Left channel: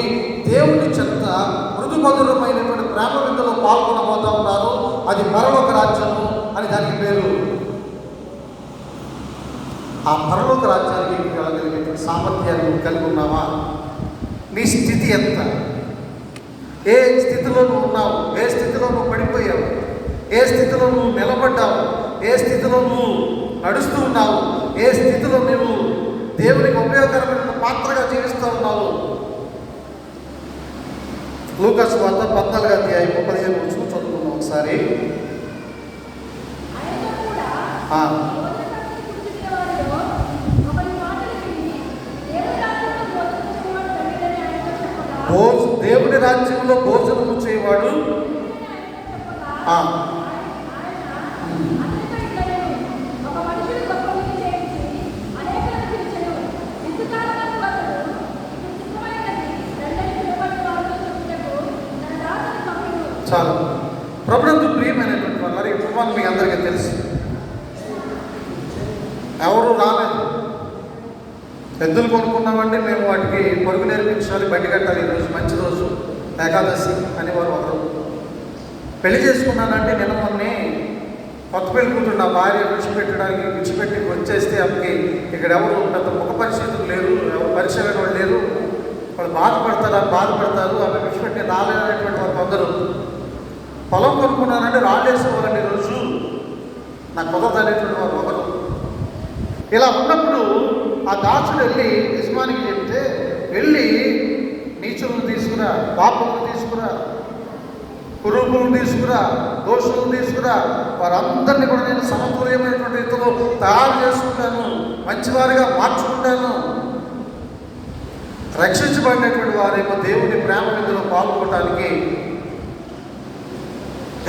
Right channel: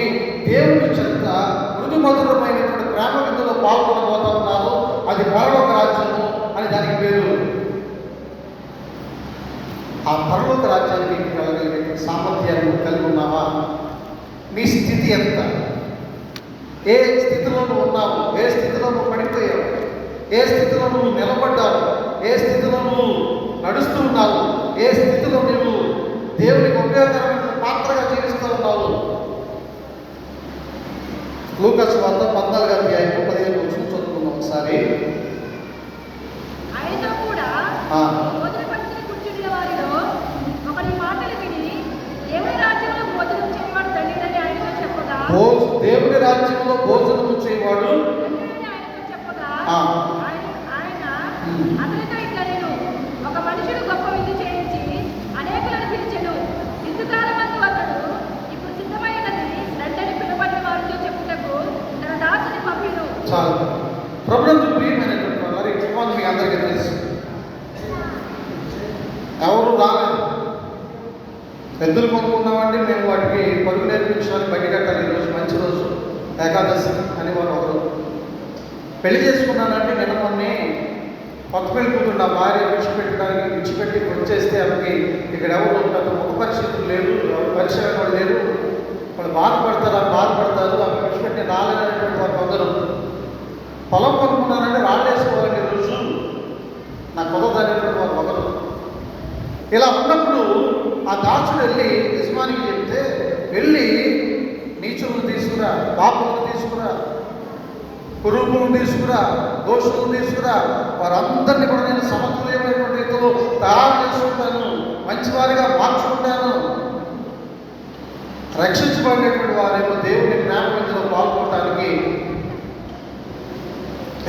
పాల్గొని దేవుని చెంత మృదుమధురమైనటువంటి ప్రేమ విందులో పాల్గొనబోతా ఉన్నారు. అది పరలోక రాజ్యము అని దానికి పేరు. ఆ పరలోక రాజ్యానికి కలగలిగే సామర్థ్యాన్ని కలిగి ఉన్నావా? నీ స్థితి ఎంత? ఏ స్థితిలో నువ్వు ఉన్నావు? ఏ స్థితిలో నువ్వు పడిపోయావు? ఏ స్థితిలో నువ్వు నిలబడ్డావు? ఏ స్థితిలో నువ్వు నడుస్తూ ఉన్నావు? ఏ స్థితిలో నువ్వు దేవునికి ఉపయోగకరమైన పాత్రగా జీవిస్తూ ఉన్నావు? లూకాసు వార్త 14వ అధ్యాయం 15 వచనం చదువుకున్నాం ఒకసారి. దేవుని రాజ్యంలో భోజనము చేయవాడు చాలా ప్రభుత్వ ప్రియమైనటువంటి వారు ఈ కుటుంబాలు మీకు అందరికీ తెలుసు. ఎవరు రాలేదు. ఎద్దులు కొనుక్కున్నామంటే మేము వాటికి పరుగు నేర్పించాలి, బయట కట్టాలి. ఈరోజు మంచి రోజు, ఏకాదశి అని వారు ఒకరు. పెళ్లి చేసుకున్నానంటే నేను మొన్నే కొత్త పెళ్లి కూతురు నా భార్య విడిచిపెట్టి వచ్చేస్తే ఆమెకి ఇక్కడ ఎవరు పెద్ద ముఖ పరిస్థితులు లేరు, ఎవరు పరిచయం వాళ్ళు లేరు. వాళ్ళు బాధపడతారు. ఆమె విడిచిపెట్టి రాలేనటువంటి కొందరు. పొలం కొనుక్కున్నానంటే రాళ్ళేసుకోవాలండి రోజు నా కుదరదు అనేటువంటి ఒకరు. ఇలా ఉన్నప్పుడు ఆ దాసుడు వెళ్ళి యజమానికి చెప్తే, వెళ్ళి నీచులను తీసుకురా, పాపములను తీసుకురా, కురువులను తీసుకురా, దోషులను తీసుకురా, వారందరినీ కూడా నేను సమతుల్యమైనటువంటి రీతిలో తయారు చేసుకుంటాను, మంచివారిగా మార్చుకుంటాను. రక్షించబడినటువంటి వారేమో దేవుని ప్రేమ విందులో పాల్గొనడానికి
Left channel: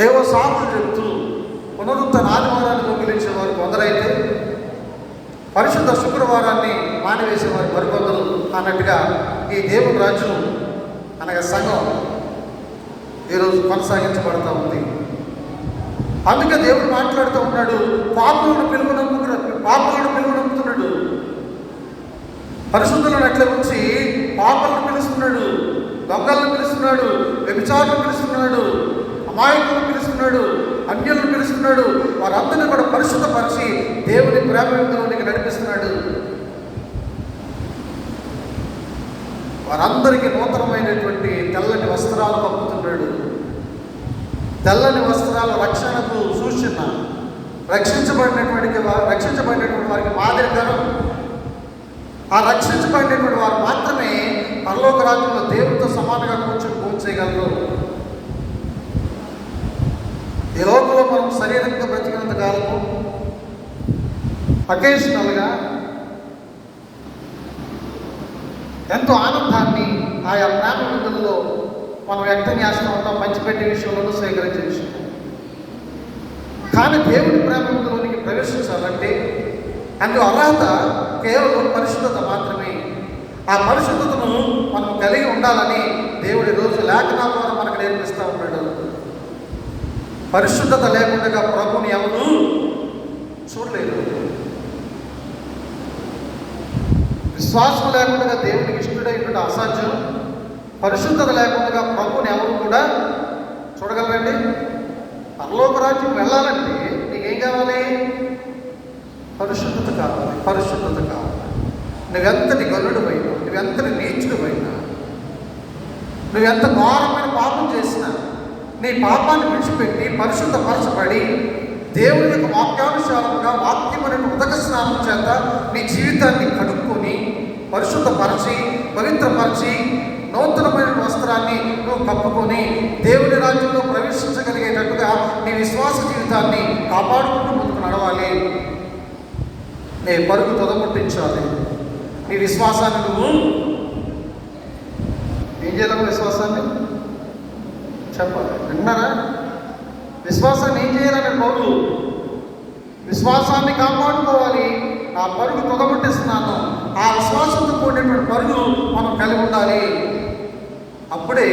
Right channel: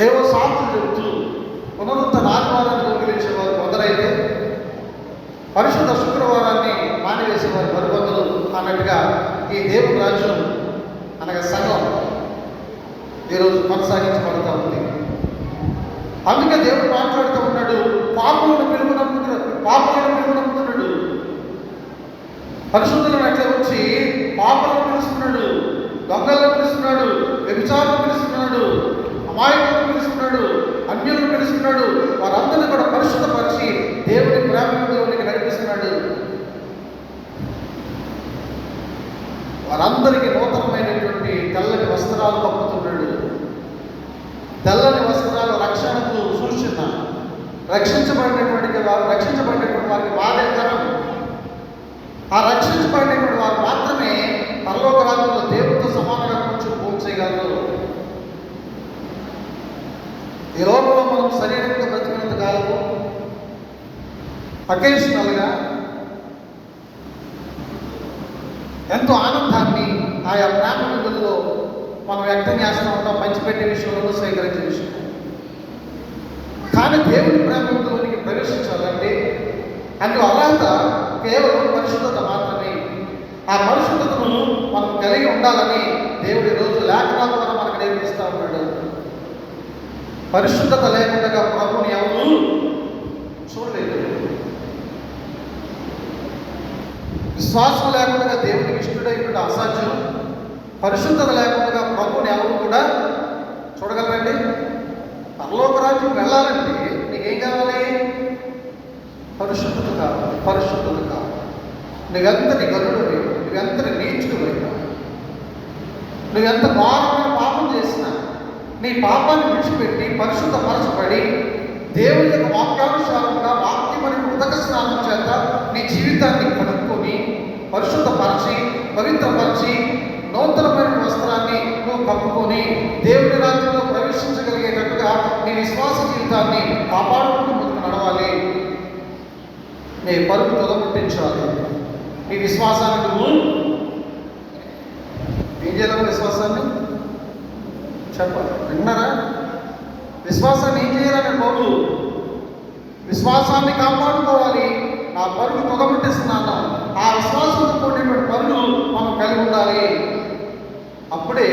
ఏవో సాకులు చెబుతూ పునరుద్ధరణ ఆదివారాన్ని దొంగిలించే వారు కొందరైతే, పరిశుద్ధ శుక్రవారాన్ని మానివేసేవారు మరికొందరు అన్నట్టుగా ఈ దేవుని రాజ్యం అనగా సంఘం ఈరోజు కొనసాగించబడతా ఉంది. అందుకే దేవుడు మాట్లాడుతూ ఉన్నాడు, పాపులను పిలువనమ్ముతున్నాడు. పరిశుద్ధులను ఎట్లా వచ్చి పాపాలను పిలుస్తున్నాడు, దొంగలను పిలుస్తున్నాడు, వ్యభిచారులను పిలుస్తున్నాడు, అమాయకులను పిలుస్తున్నాడు, అన్యులను పిలుస్తున్నాడు. వారందరినీ కూడా పరిశుద్ధపరిచి దేవుని ప్రేమలోనికి నడిపిస్తున్నాడు. వారందరికీ నూతనమైనటువంటి తెల్లని వస్త్రాలు పంపుతున్నాడు. తెల్లని వస్త్రాలు రక్షణకు సూచన. రక్షించబడినటువంటి వారికి మాదిరికరం. ఆ రక్షించబడినటువంటి వారు మాత్రమే పరలోక రాజ్యంలో దేవుడితో సమానంగా కూర్చొని పోల్చేయగలరు. ఈ లోకంలో మనం శరీరంగా బ్రతికినంత కాలము అకేషనల్గా ఎంతో ఆనందాన్ని ఆయా ప్రేమ విధుల్లో మనం వ్యక్తన్యాసంలో పంచిపెట్టే విషయంలో స్వీకరించే విషయం. కానీ దేవుడి ప్రేమ విధుల్లోనికి ప్రవేశించాలంటే అందులో అర్హత కేవలం పరిశుద్ధత మాత్రమే. ఆ పరిశుద్ధతను మనం కలిగి ఉండాలని దేవుడి రోజు లేఖనాల ద్వారా మనకు నేర్పిస్తూ ఉన్నాడు. పరిశుద్ధత లేకుండా ప్రభుని ఎవరు చూడలేదు. విశ్వాసం లేకుండా దేవునికి ఇష్టడైనటువంటి అసాధ్యం. పరిశుద్ధత లేకుండా ప్రభుని ఎవరు కూడా చూడగలరండి. పరలోక రాజ్యం వెళ్ళాలంటే నీకేం కావాలి? పరిశుద్ధత కావాలి. నువ్వెంతటి గొర్రెడు పోయినా, నువ్వెంతటి నీచుడు పోయినా, నువ్వెంత ఘోరమైన పాపం చేసినా, నీ పాపాన్ని విడిచిపెట్టి పరిశుద్ధపరచబడి దేవుని యొక్క వాక్యానుసారంగా వాక్యమైన ఉదక స్నానం చేత నీ జీవితాన్ని కడుక్కొని పరిశుద్ధపరిచి పవిత్రపరిచి నూతనమైన వస్త్రాన్ని నువ్వు కప్పుకొని దేవుని రాజ్యంలో ప్రవేశించగలిగేటట్టుగా నీ విశ్వాస జీవితాన్ని కాపాడుకుంటూ ముందుకు నడవాలి. నీ పరుగు తొదముట్టించాలి. నీ విశ్వాసాన్ని నువ్వు ఏం చేయాలి? విశ్వాసాన్ని చెప్పాలి. విన్నారా? విశ్వాసాన్ని ఏం చేయాలని బాబు? విశ్వాసాన్ని కాపాడుకోవాలి. ఆ పరుగు తొదముట్టిస్తున్నాను. ఆ విశ్వాసంతో కూడినటువంటి పరుగు మనం కలిగి ఉండాలి. అప్పుడే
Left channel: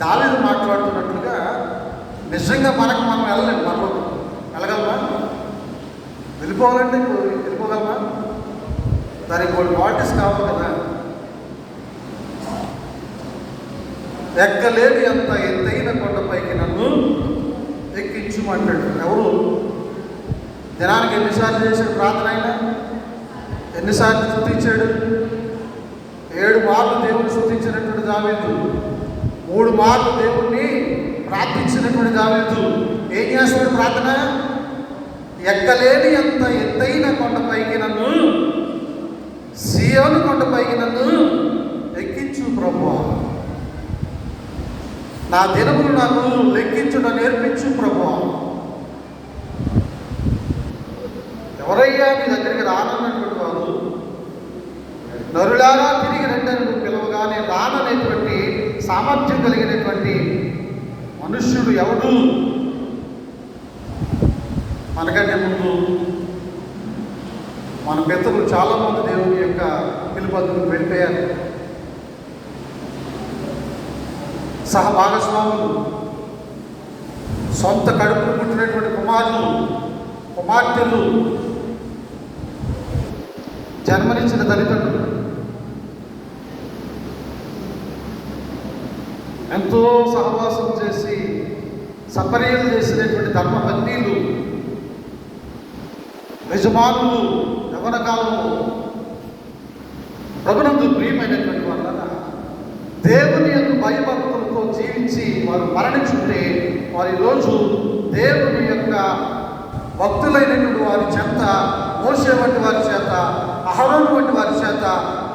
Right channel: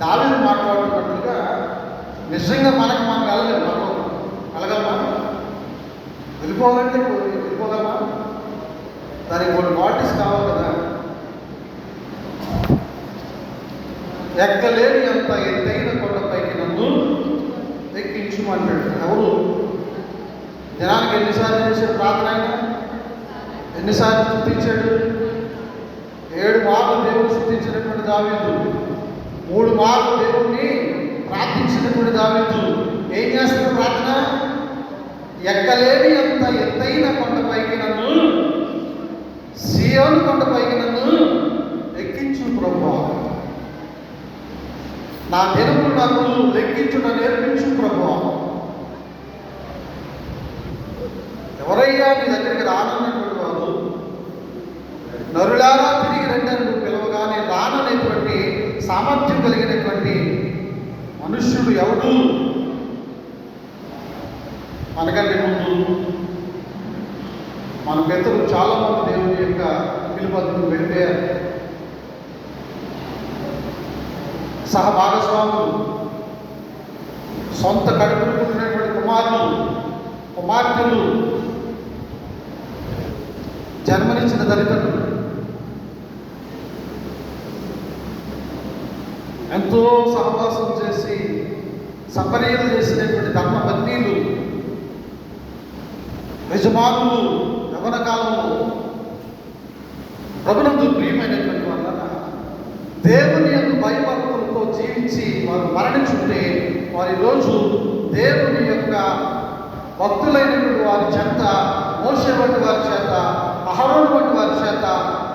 దావీదు మాట్లాడుతున్నట్లుగా నిజంగా మనం వెళ్ళలేము. మనం వెళ్ళగలమా? వెళ్ళిపోవాలంటే వెళ్ళిపోగలమా? దానికి కొన్ని క్వాలిటీస్ కావాలి. ఎక్కలేని అంత ఎత్తైన కొండపైకి నన్ను ఎక్కించుమంటాడు. ఎవరు? దినానికి ఎన్నిసార్లు చేశాడు ప్రార్థన? అయినా ఎన్నిసార్లు స్తుతించాడు? 7 మార్లు దేవుని స్తుతించినటువంటి దావీదు, 3 మార్లు దేవుణ్ణి ప్రార్థించినటువంటి దావీదు ఏం చేస్తాడు ప్రార్థన? ఎక్కలేని అంత ఎత్తైన కొండపైకి నన్ను, సీయోను కొండపైకి నన్ను ఎక్కించు ప్రభువా, నా దినములు నాకు లెక్కించుట నేర్పించు ప్రభువా. ఎవరయ్యా నీ దగ్గరికి రానన్నటువంటి వారు? నరులారా తిరిగి రెండను పిలవగానే రాననేటువంటి సామర్థ్యం కలిగినటువంటి మనుష్యుడు ఎవరు? మనకంటే ముందు మన పెద్దలు చాలా మంది దేవుని యొక్క పిలుపుకు వెళ్ళిపోయారు. సహభాగస్వాములు, సొంత కడుపులు పుట్టినటువంటి కుమారులు, కుమార్తెలు, జన్మనిచ్చిన తల్లిదండ్రులు ఎంతో సహవాసం చేసి సపర్యలు చేసినటువంటి ధర్మపత్నులు, యజమానులు, యవన కాలంలో ప్రభునందు ప్రియమైనటువంటి వాళ్ళ దేవుని యొక్క భయభక్తులతో జీవించి వారు మరణించుకుంటే వారి రోజు దేవుని యొక్క భక్తులైనటువంటి వారి చేత, మోషే వంటి వారి చేత, అహరోను వంటి వారి చేత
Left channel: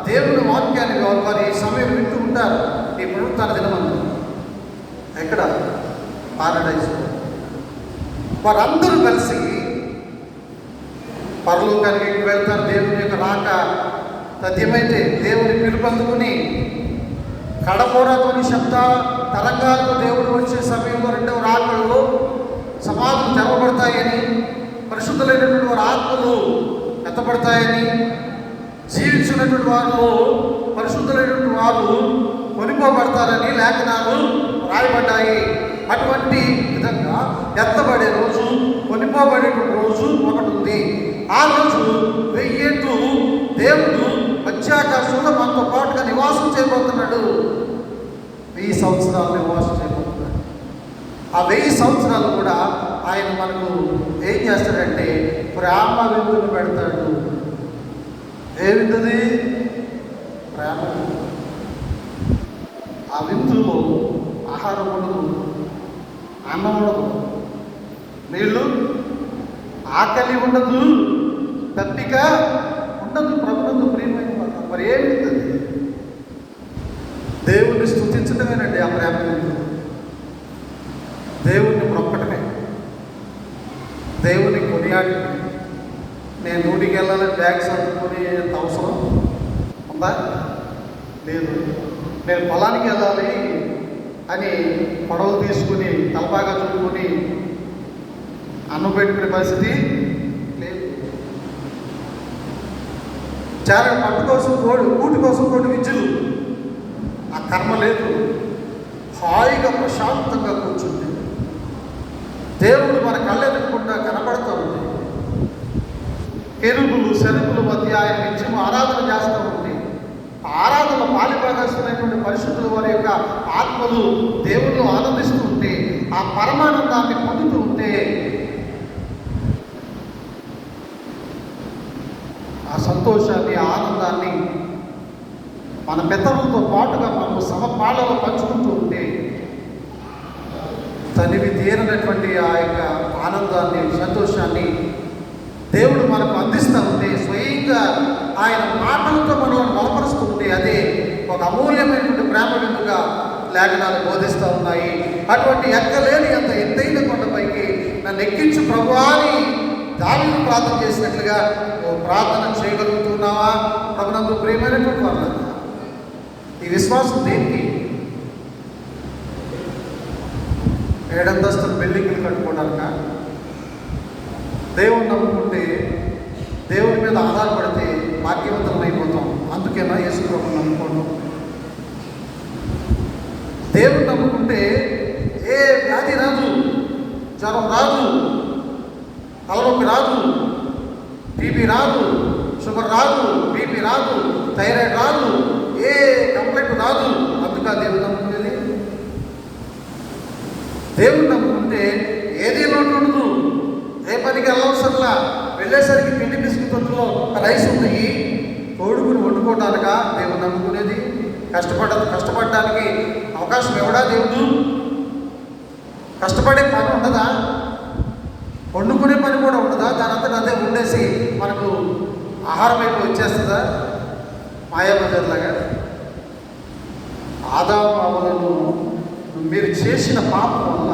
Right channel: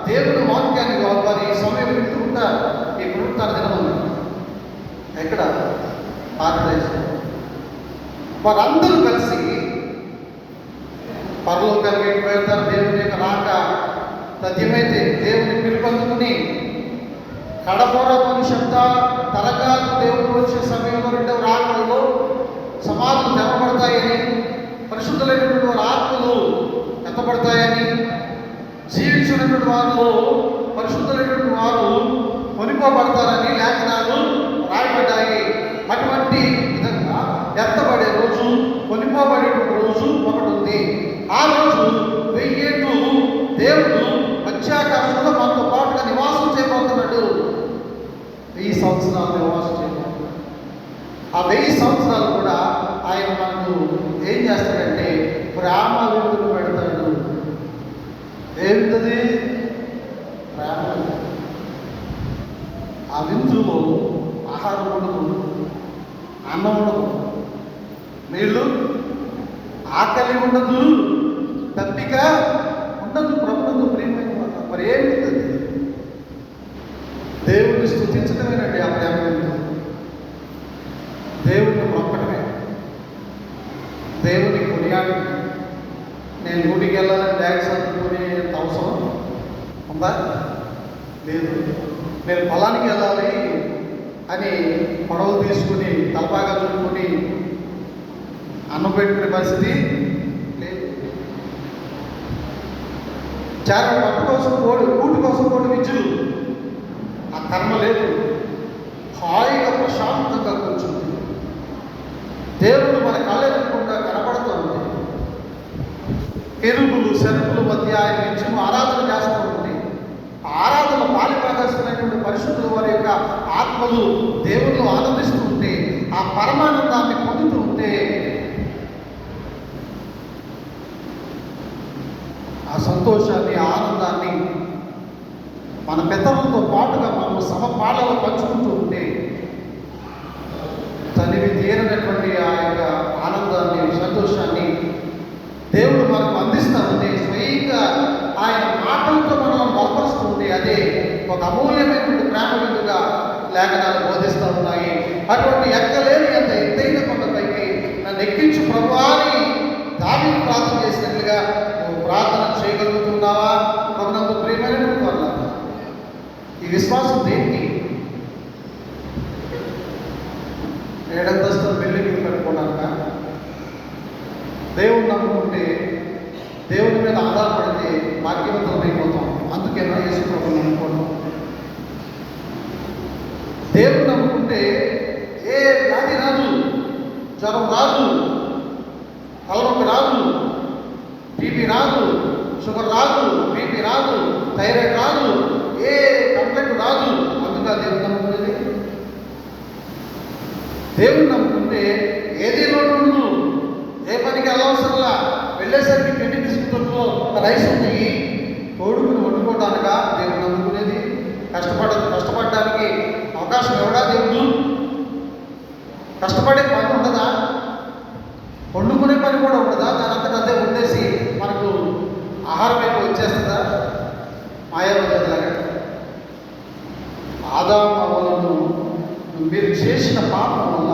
దేవుని వాక్యాన్ని వారి సమయం వింటూ ఉంటారు. ఈ పునరుత్థాన దినమున ఎక్కడ? పారడైజ్. వారందరూ కలిసి పరలోకానికి వెళ్తారు. దేవుని యొక్క రాక తథ్యమైతే దేవుని పిలుపందుకుని కడబోరతోని శబ్ద తరంగాలతో దేవుడు వచ్చే సమయంలో 2వ రాకడలో సమాధులు తెరవబడతాయని, పరిశుద్ధులైనటువంటి వారి ఆత్మలు ఎత్తబడతాయని, జీవించినటువంటి వారు, పరిశుద్ధులైనటువంటి వారు కొనిపోబడతారని లేఖనాలు రాయబడ్డాయి. అటువంటి విధంగా ఎత్తబడే రోజు, కొనిపోబడేటువంటి రోజు ఒకటి ఉంది. ఆ రోజు 1000 ఏళ్ళు దేవుడు మధ్యాకాశంలో మనతో పాటుగా నివాసం చేయబోతున్నాడు. 1000 సంవత్సరాలు నివాసం చేయబోతున్నాడు. ఆ 1000 సంవత్సరాలు కూడా ఆయన మనకు ఏం చేస్తాడంటే ప్రేమ విందులు పెడతాడు. ఏమిటది? ప్రేమ. ఆ విందులో ఆహారం ఉండదు, అన్నం ఉండదు, నీళ్ళు, ఆకలి ఉండదు, దప్పిక ఉండదు. ప్రభుత్వం ప్రియమైన మరి ఏమిటది? దేవుణ్ణి స్తుతించడమేనండి ఆ ప్రేమ. దేవుణ్ణి మొక్కడమే, దేవుని కొనియాడి. నేను ఊటికి వెళ్ళాలని బ్యాగ్స్ అందుకొని అవసరం ఉందా? లేదు. నేను పొలానికి వెళ్ళాలి అని కొడవలు తీసుకుని తలపాగా చూసుకొని అన్నం పెట్టుకునే పరిస్థితి లేదు. చాలా పట్టు కోసం కోడు, కూటి కోసం కోడి విద్యులు, ఆ కర్మ లేదు. హాయిగా ప్రశాంతంగా కూర్చుంది. దేవుడు మన కళ్ళెనకుండా కనపడుతూ ఉంది. కెరూబులు, శరముల మధ్య ఆయన నిత్యం ఆరాధన చేస్తూ ఉంది. ఆరాధన పాలిపాదస్తున్నటువంటి పరిశుద్ధుల వారి యొక్క ఆత్మలు దేవుళ్ళు ఆనందిస్తూ ఉంటే, ఆ పరమానందాన్ని పొందుతూ ఉంటే, ఆ సంతోషాన్ని, ఆనందాన్ని మన పెద్దలతో పాటుగా మనం సమపాళలో పంచుకుంటూ ఉంటే తనివి తీరనటువంటి ఆ యొక్క ఆనందాన్ని, సంతోషాన్ని దేవుడు మనకు అందిస్తూ ఉంటే, స్వయంగా ఆయన మాటలతో మనం బలపరుస్తూ ఉంటే అదే ఒక అమూల్యమైనటువంటి ప్రేమ విందుగా లేఖనాలు బోధిస్తూ ఉన్నాయి. అటువంటి ఎక్కలేని అంత ఎత్తైన కొండపైకి నన్ను ఎక్కించు ప్రభువా అని దావీదు ప్రార్థన చేసినట్లుగా ప్రార్థన చేయగలుగుతున్నావా? ప్రభునందు ప్రియమైనటువంటి వాళ్ళ ఈ విశ్వాసం దేనికి? 7 అంతస్తుల బిల్డింగ్లు కట్టుకోవడానికా? దేవుని నమ్ముకుంటే, దేవుని మీద ఆధారపడితే భాగ్యవంతులం అయిపోతాం. అందుకేనా యేసు ప్రభువుని నమ్ముకోవడం? దేవుని నమ్ముకుంటే ఏ వ్యాధి రాదు, జ్వరం రాదు, తలనొప్పి రాదు, టీబీ రాదు, షుగర్ రాదు, బీపీ రాదు, థైరాయిడ్ రాదు, ఏ కంప్లైంట్ రాదు. అందుకే దేవుని నమ్ముకునేది. దేవుడు నమ్ముకుంటే ఏది లోటు ఉండదు, ఏ పనికి వెళ్ళవసరంలా. వెళ్ళేసరికి పిండి బిస్కెట్తో రైస్ ఉన్నాయి, కోడుకుని వండుకోవటానిక దేవుడు నమ్ముకునేది? కష్టపడడానికి అవకాశం ఎవడా దేవుడు? కష్టపడే పని ఉండదా? వండుకునే పని కూడా ఉండదా? దాని అంతటా అదే ఉండేసి మనకు ఆహారం వైపు వచ్చేస్తుందా? మాయాబజార్లాగా. ఆదాము అవ్వలను మీరు చేసిన పాపం వల్ల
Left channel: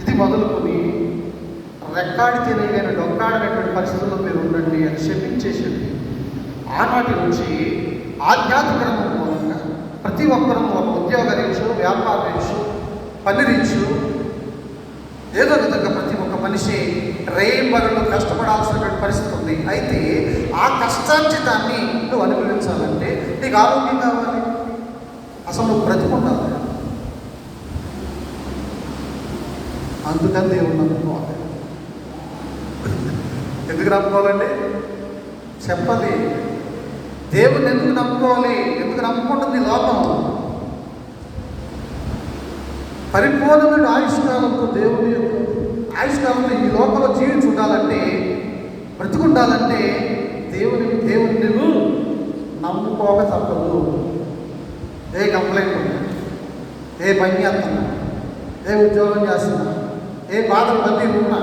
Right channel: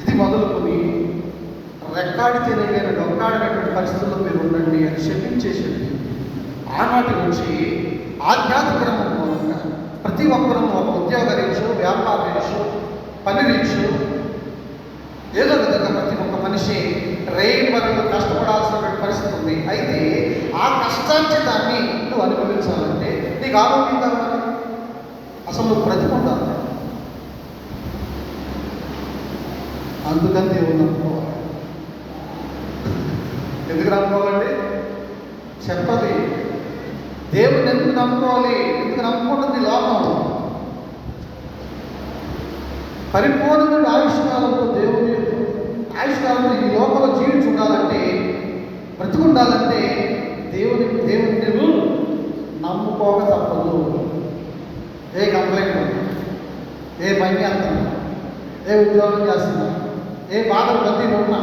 ఇది మొదలుకొని రెక్కాడి తెలియని డొక్కాడినటువంటి పరిస్థితుల్లో మీరు ఉండండి అని శపించేసండి. ఆనాటి నుంచి ఆధ్యాత్మికంగా ప్రతి ఒక్కరూ ఒక ఉద్యోగ రీత్యు, వ్యాపార రీత్యు, పని రీత్యు ఏదో విధంగా ప్రతి ఒక్క మనిషి రేపరులు కష్టపడాల్సినటువంటి పరిస్థితి ఉంది. అయితే ఆ కష్టార్జితాన్ని నువ్వు అనుభవించాలంటే నీకు ఆరోగ్యం కావాలి, అసలు నువ్వు బ్రతికుండాలి. అందుకని దేవుడు నమ్ముకోవాలి. ఎందుకు నమ్ముకోవాలండి? చెప్పది. దేవుని ఎందుకు నమ్ముకోవాలి? ఎందుకు నమ్ముకుంటుంది లోకం? పరిపూర్ణమైన ఆయుష్కాలంతో దేవుని ఆయుష్కాలంతో ఈ లోకంలో జీవించి ఉండాలంటే, బ్రతికుండాలంటే దేవుని నువ్వు నమ్ముకోక తప్పదు. ఏ కంప్లైంట్ ఉన్నా, ఏ పని చేస్తున్నా, ఏ ఉద్యోగం చేస్తున్నా, ఏ బాధలు బద్దీలు ఉన్నా,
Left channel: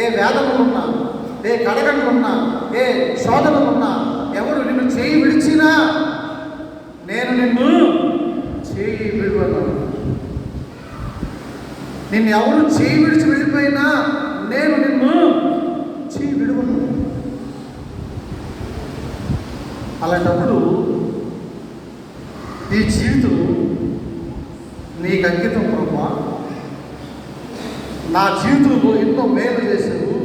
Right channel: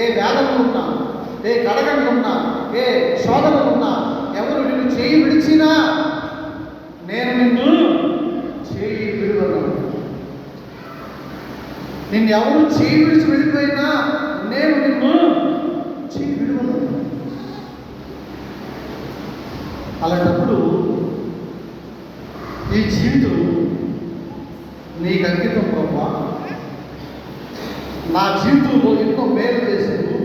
ఏ వేదనలు ఉన్నా, ఏ కడగంలు ఉన్నా, ఏ శోధనలు ఉన్నా, ఎవరు నిన్ను చేయి విడిచినా నేను నిన్ను చేయి విడువను. నిన్ను ఎవరు చేయి విడిచి వెళ్ళిపోయినా నేను నిన్ను చేయి విడువను. అలాంటప్పుడు ఈ జీవితం నీకు అంకితం ప్రభా. నా జీవితంలో ఎన్నో మేలు చేశాను,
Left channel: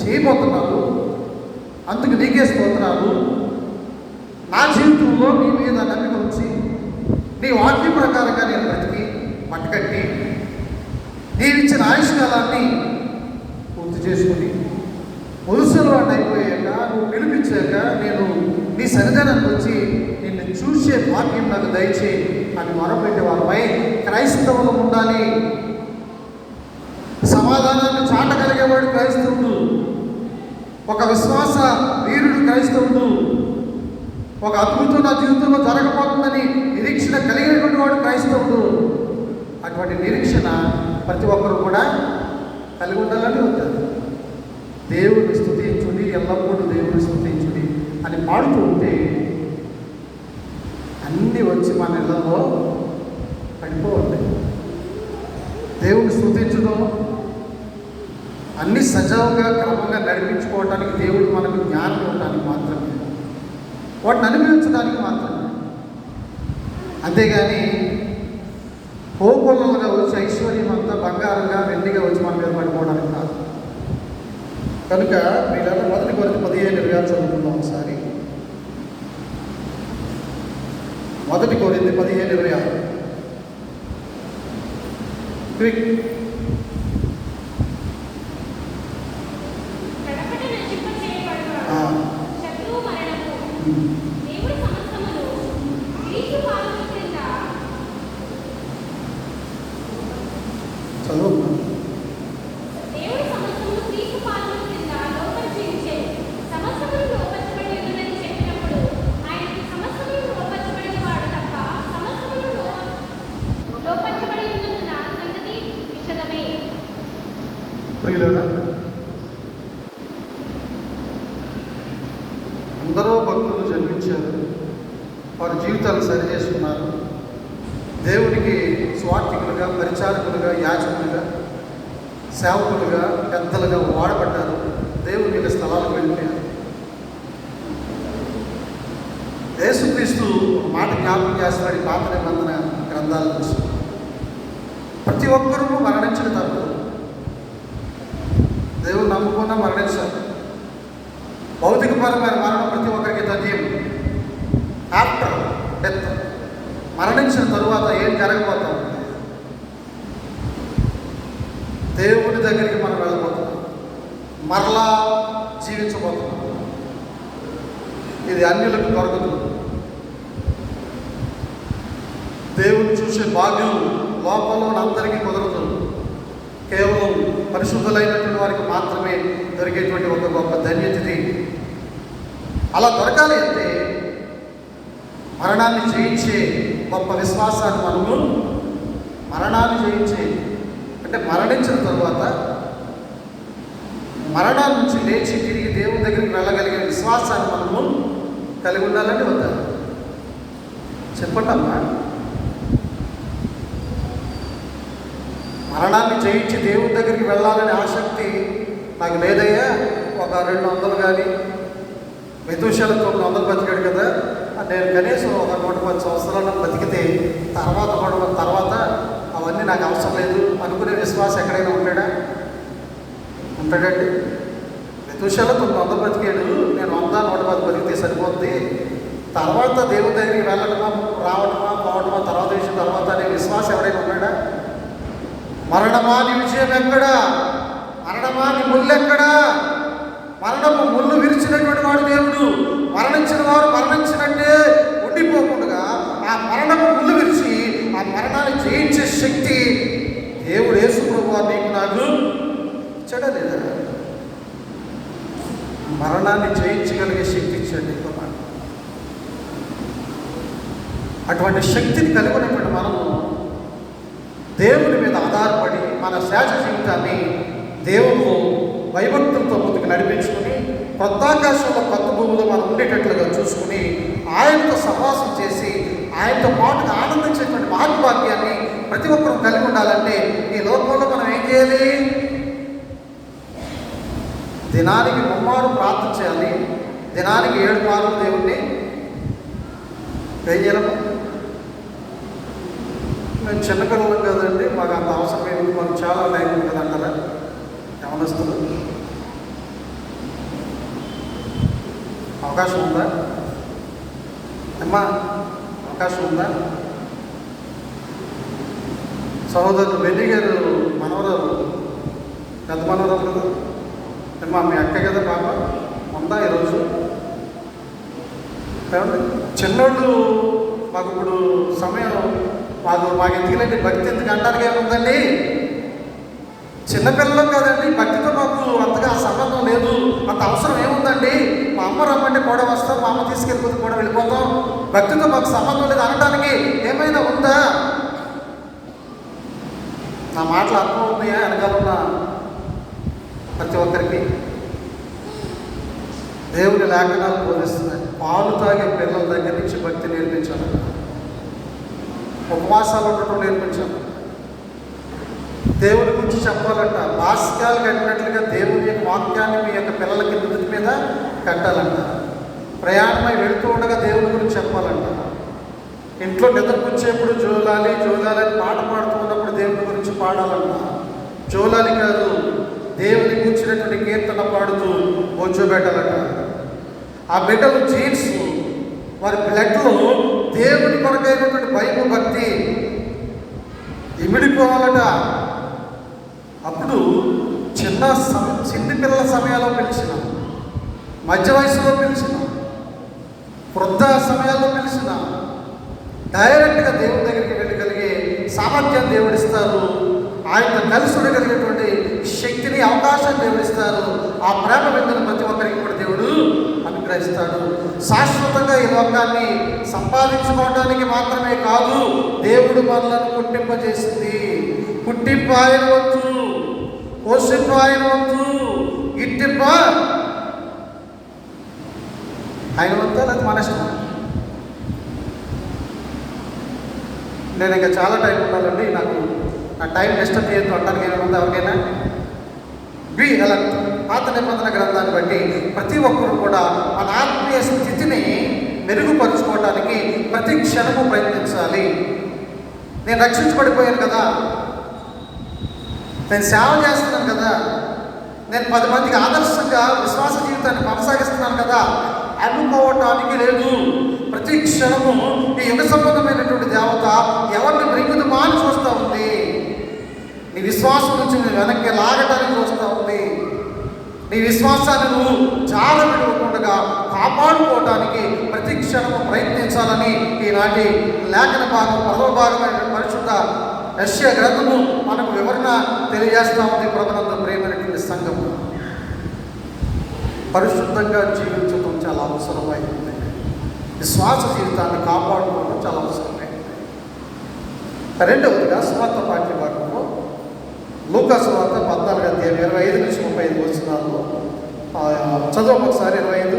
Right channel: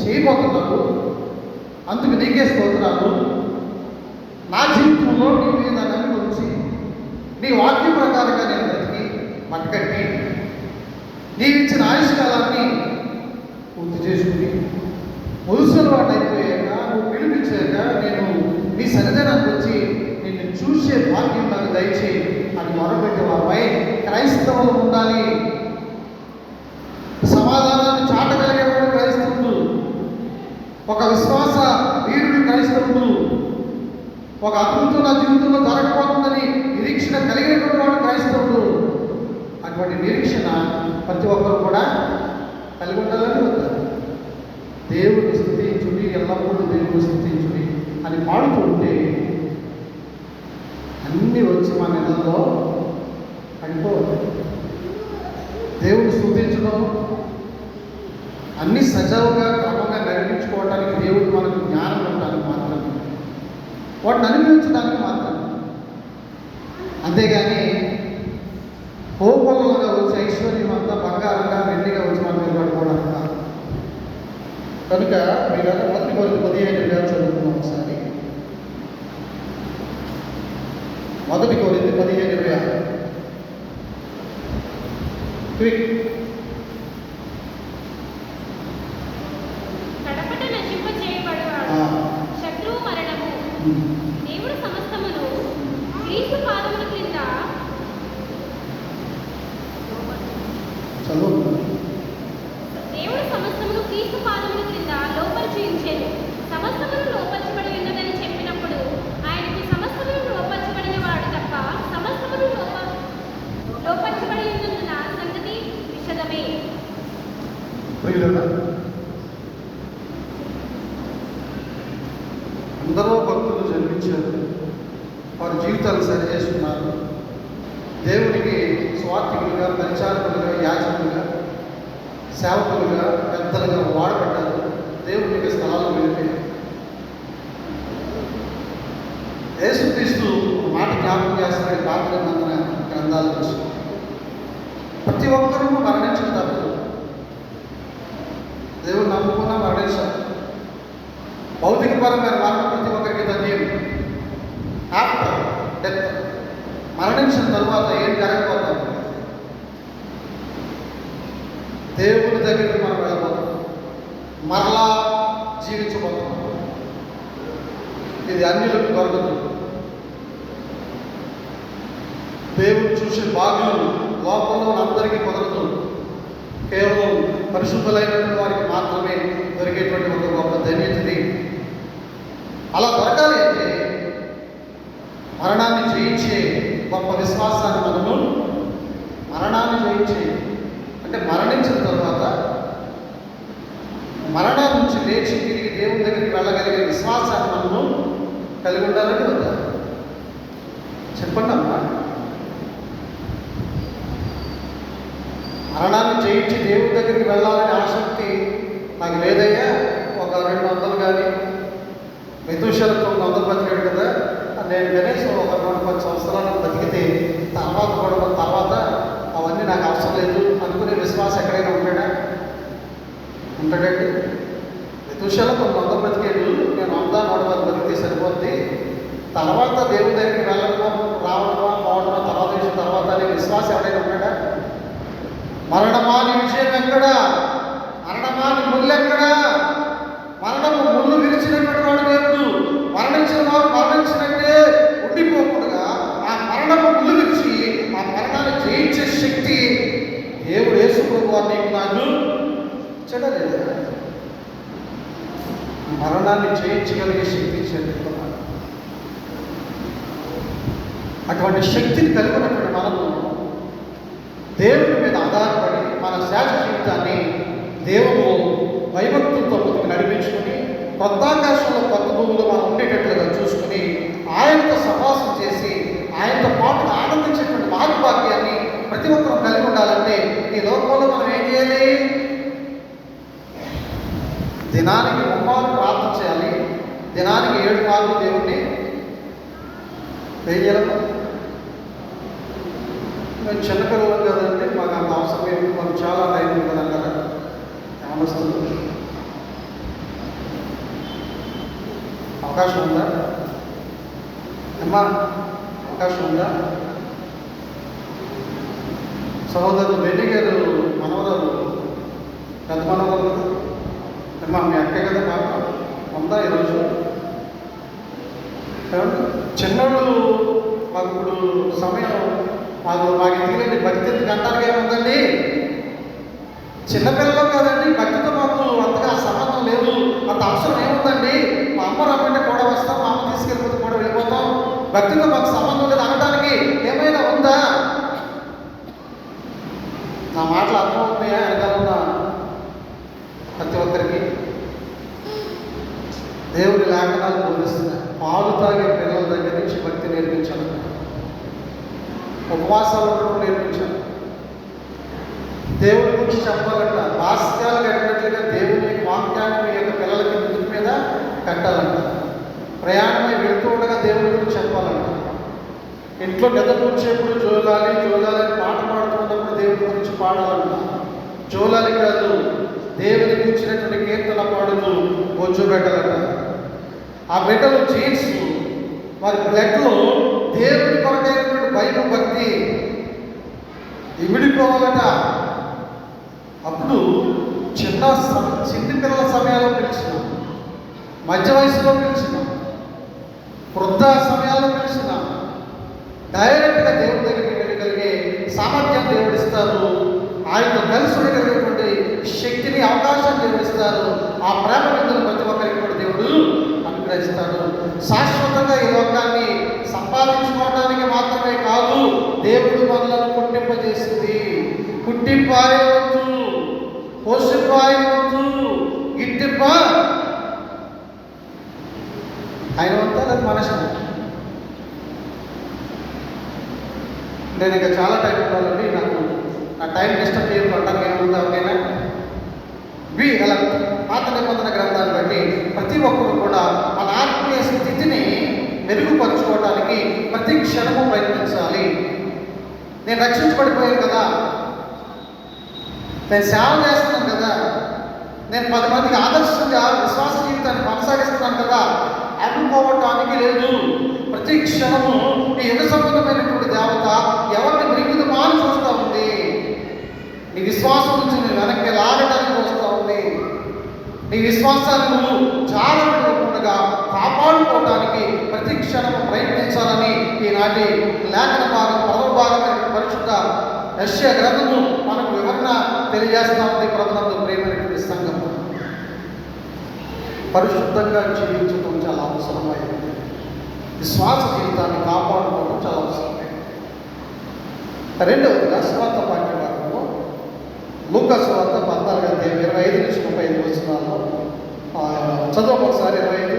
చేయబోతున్నాను, అందుకు నీకే స్తోత్రాలు. నా జీవితంలో నీ మీద నమ్మిక ఉంచి నీ వాక్య ప్రకారంగా నేను బ్రతికి పట్టుకట్టి నీవిచ్చిన ఆయుష్కాలాన్ని పూర్తి చేసుకుని ముదుసలవాటు అయిపోయాక నువ్వు పిలిపించాక నేను నీ సన్నిధానానికి వచ్చి నిన్ను చూసే భాగ్యం నాకు దయచేయి అని మొరపెట్టేవాపై క్రైస్తవం ఉండాలి. సమాధానాన్ని చాటగలిగేవాడు క్రైస్తవుడు, ఒక విశ్వాస వీరుడు క్రైస్తవుడు, ఒక అద్భుతం నా జీవితంలో జరగబోతుందని నిరీక్షణ కలిగినటువంటి వాడు క్రైస్తవుడు. అటువంటి నిరీక్షణ ప్రతి ఒక్కరు కూడా కలిగి ఉండాలని వద్దారు. దేవుని స్తుతించుడి, ఎల్లప్పుడూ దేవుని స్తుతించుడి అని పాడుతూ ఉంటే అన్నీ వచ్చి మన ఇళ్లలో పడిపోతాయి. దేవుని స్తుతించడం, అన్ని సజావుగా క్రమంగా నడిపించుకోవడానికి దేవుడు మనకు జ్ఞానం ఉండడానికి మాత్రమే, వాటిని అనుభవించడానికి మాత్రమే. అంతేగాని కోకొల్లలుగా వచ్చి ఐశ్వర్యం అంతా బంగారంగా వెండిగా వచ్చి మన మీద పడిపోవడానికి కాదు. కనుక వీళ్ళ మొదటి కొరకు 15 చదువుతున్నాం ఒకసారి. మొదటి కొరింథీ 15:26 క్విక్. ఎందరో భక్తులు జన్మించారు, వారి జీవితాలు సరి చేసుకున్నారు. దేవునికి స్వార్థికులుగా, పరిచారకులుగా, యాజకులుగా, సేవకులుగా, పెద్దలుగా వాడబడ్డారు. దేవుని యొక్క స్థలాలకు వెళ్ళిపోయారు. యేసుక్రీస్తు మాట జ్ఞాపకం చేస్తున్నాడు పాత నిబంధన గ్రంథాల కోసం. ప్రతి ఒక్కరూ మరణించిన తప్పదు. దేవుడు నమ్ముకున్నా మరణించారు. భౌతిక పరమైన మరణం ప్రతి ఒక్కరికి తథ్యం. ఆఫ్టర్ డెత్, మరణించిన తర్వాత ఏం జరగబోతాం? దేవుని దగ్గరికి మనం వెళ్ళిపోతాం, మరలా జీవించబోతాం. ఇది అన్యులకు దొరకదు. దేవుని చూసే భాగ్యం లోకంలో అందరికీ కుదరదు. కేవలం పరిశుద్ధులైనటువంటి వారికి మాత్రమే దొరికేటువంటి ఒక గొప్ప ధన్యతది. అలా దొరకాలి అంటే మరణాన్ని జయించే గొప్ప విశ్వాసాన్ని మరణాన్ని జయించే అంటే మరణించిన తర్వాత మరణం నుంచి లేచి తిరిగి దేవుని దగ్గరికి వెళ్ళగలిగిన విశ్వాసాన్ని కలిగి ఉండాలని వద్దా? చెప్పండమ్మా. మరణాన్ని జయించి దేవుని దగ్గరికి వెళ్ళాలనే ఆసక్తి నాకు లేదయ్యా. ఒక 200 కానీ మెతుషలకు 100 బతికాడు కదా, నేను కనీసం ఒక 110 సంవత్సరాలను బతికితే తర్వాత అవన్నీ నాకు అవసరం లేదు అనుకునే విశ్వాసం ఎక్కడైనా ఉంటాడండి? మెతుషలకు 100 బతికాడు, నేను 100-110 బతికితే సరిపోద్ది, తర్వాత దేవుని దగ్గరికి వెళ్ళడమో రావడమా పోవడమా తర్వాత విషయం తర్వాత అనే విశ్వాసం ఎవడైనా ఉన్నాడా? మరణమాని విజయం ఎక్కడా? మరణమాని ముళ్ళు ఎక్కడా? మరణము ముళ్ళు విరిచినటువంటి వాడు దేవుడు. మరణించిన వారు మరణించినట్టే ఉండిపోకుండా ఆ మరణము ముళ్ళు విరిచి ఆ మరణాన్ని జయించే శక్తి దేవుడు యేసు ప్రభువు నీకు నాకు ఇచ్చాడా లేదా? మరణాన్ని జయించగలిగే శక్తి ఇచ్చాడు. అటువంటి శక్తిని కలిగినటువంటి మనము దేవుని మీద ఆధారపడి మన శేష జీవితాన్ని దేవుడు భయభక్తులతో ముందుకు నడిపించుకుని కొత్తాకాశంలో కొత్త భూమిలో మనం ఉండేటట్లుగా చూసుకుని ఆయనతో సహవాసం చేసి ఆయనతో పాటుగా ఆనందించేటువంటి భాగ్యాన్ని ప్రతి ఒక్కరూ కలిగి ఉండాలంటే ఈ లోకంలో మనం ఏం చేయాలి? దినానికి 3 మార్లు ప్రార్థన చేయాలి. దినానికి 7 మార్లు దేవుణ్ణి వేయగలము. మేము చిన్నపిల్లలు కదండి, మాకు అంత అవసరం ఏంటి, మనకు చాలా టైం ఉంటుంది అంటారా? ఏమన్నా వస్తుంది? అవకాశం ఉందా అమ్మా? అవకాశం ఉందా? సహోదరులు బెన్ని గారు మనవరాలు, పెద్ద మనవరాలు కదా అమ్మా, మీ అక్క కదా పాప ఉందా ఈరోజు? చిన్నోళ్ళు మాకు ఇప్పుడు సమయం మాకు ఎందుకంటే భక్తి ఎందుకు అంటానికి ఏముందండి? చిన్నపిల్లలు కదండి, భక్తితో మాకు అంతగా సంబంధం లేదు, అంత అవసరం ఏముందండి? మా అమ్మ రమ్మంటే కూడా వస్తాం, మా అమ్మ తీసుకెళ్ళిపోతే కూడా వెళ్ళిపోతాం, భక్తితో మాకు సంబంధం లేదు అనడానికి ఏమైనా ఉందా? నా మాటలు అర్థమవుతున్నాయా? వెనకాల ఉన్న ప్రతి ఒక్కరికి దేవుని లేఖనాలు బోధిస్తున్నాయి. పాలు తాగే పిల్లల దగ్గర నుంచి భక్తి నేర్పించాలి, ఉపవాసాలు ఉండటం నేర్పించాలి, దేవుడి గురించి చెప్పాలంట, భాస్యాలు కట్టినట్లుగా దేవుని యొక్క వాక్యాన్ని మీ యొక్క పిల్లలకి ముందు మీద కట్టాలంట, ప్రయాణమై వెళుతూ ఉండగా దేవుడి గురించి చెప్పాలంట, ఇంట్లో నిద్రపుచ్చేప్పుడు జోలాలి అని పాట పాడుతున్నప్పుడు దేవుడి గురించి పాడాలంట, జోలాలి కాదు దేవుని కూర్చున్నటువంటి కీర్తన పాడుతూ కూర్చోబెట్టాలంట. ఆ బిడ్డలు జీన్స్ వారి బ్లడ్లో దేవుని కొరకైనటువంటి భయం భక్తి ఇమిడిపోవాలట. అప్పుడు చిన్ని పిల్లల సమయాల్లో పిలిచిన, మధ్య వయసులో పిలిచిన, వృద్ధ సమయాల్లో పిలిచిన డైరెక్ట్గా దేవుడి దగ్గరికి వెళ్ళగలిగే సామర్థ్యం దేవుడిస్తారు. ఆయన కలిసి ఉండగలిగేటువంటి శక్తిని అవకాశం దేవుడిస్తారు. ఆ ప్రేమ బిందును ప్రతి ఒక్కరికి కూడా దేవుడు అనుగ్రహిస్తాడు. శాశ్వతంగా ఈ లోకాన్ని సంపాదించుకోవడానికి మాత్రమే కాదు, దేవుడు మనలను పుట్టింపజేసింది. పుట్టింపు ఆయన వద్దు, పోషింపు ఆయన వద్దు, గిట్టింప ఆయన వద్దు, అది మన ఇష్టం. నేను ఇంకా చాలా టైం ఉండాలండి, నాకు నా టైం డిస్టర్బ్ చేయడం అంటానికి ఏమన్నా ఎవరైనా బి అలా పాత నిబంధన గ్రంథాన్ని బట్టి ప్రతి ఒక్కరు కూడా మన ఆత్మీయ స్థితిని మెరుగుపరుచుకోవడానికి ప్రతి క్షణము ప్రయత్నించాలి. నేను రక్షించబడిపోయాను కదా, నేను సేవ చేస్తున్నాను కదా, నేను 10 మందికి ఆదర్శంగా విశ్వాస జీవితాన్ని కొనసాగిస్తున్నాను కదా అనుకోవటానికి లేదు. ప్రతి క్షణము ఈ యుగ సంబంధమైనటువంటి దేవత ఎవరిని మృగుదమాని చూస్తూ ఉంది, నీ విశ్వాసం నుంచి నేను వెనక్కి లాగటానికి చూస్తూ ఉంది. నీ విశ్వాసాన్ని నువ్వు జాగ్రత్తగా కాపాడుకోవడానికి ప్రతి క్షణము ప్రయత్నించాలని ఈనాటి లేఖన భాగం 10వ భాగమైన పరిశుద్ధ యెషయా గ్రంథము మనకు వివరణ తెలియజేస్తా ఉంది. ప్రభునందు ప్రియమైనటువంటి సంఘం, పరిశుద్ధంగా జీవించడం చాలా అవసరమైంది. విశ్వాస జీవితాన్ని కాపాడుకోవడం చాలా అవసరమైంది. రెండవదిగా స్వార్థ వాక్య భాగంలో లూకా సువార్త 14:25-35 వచనాలు చదువు ఒకసారి. 25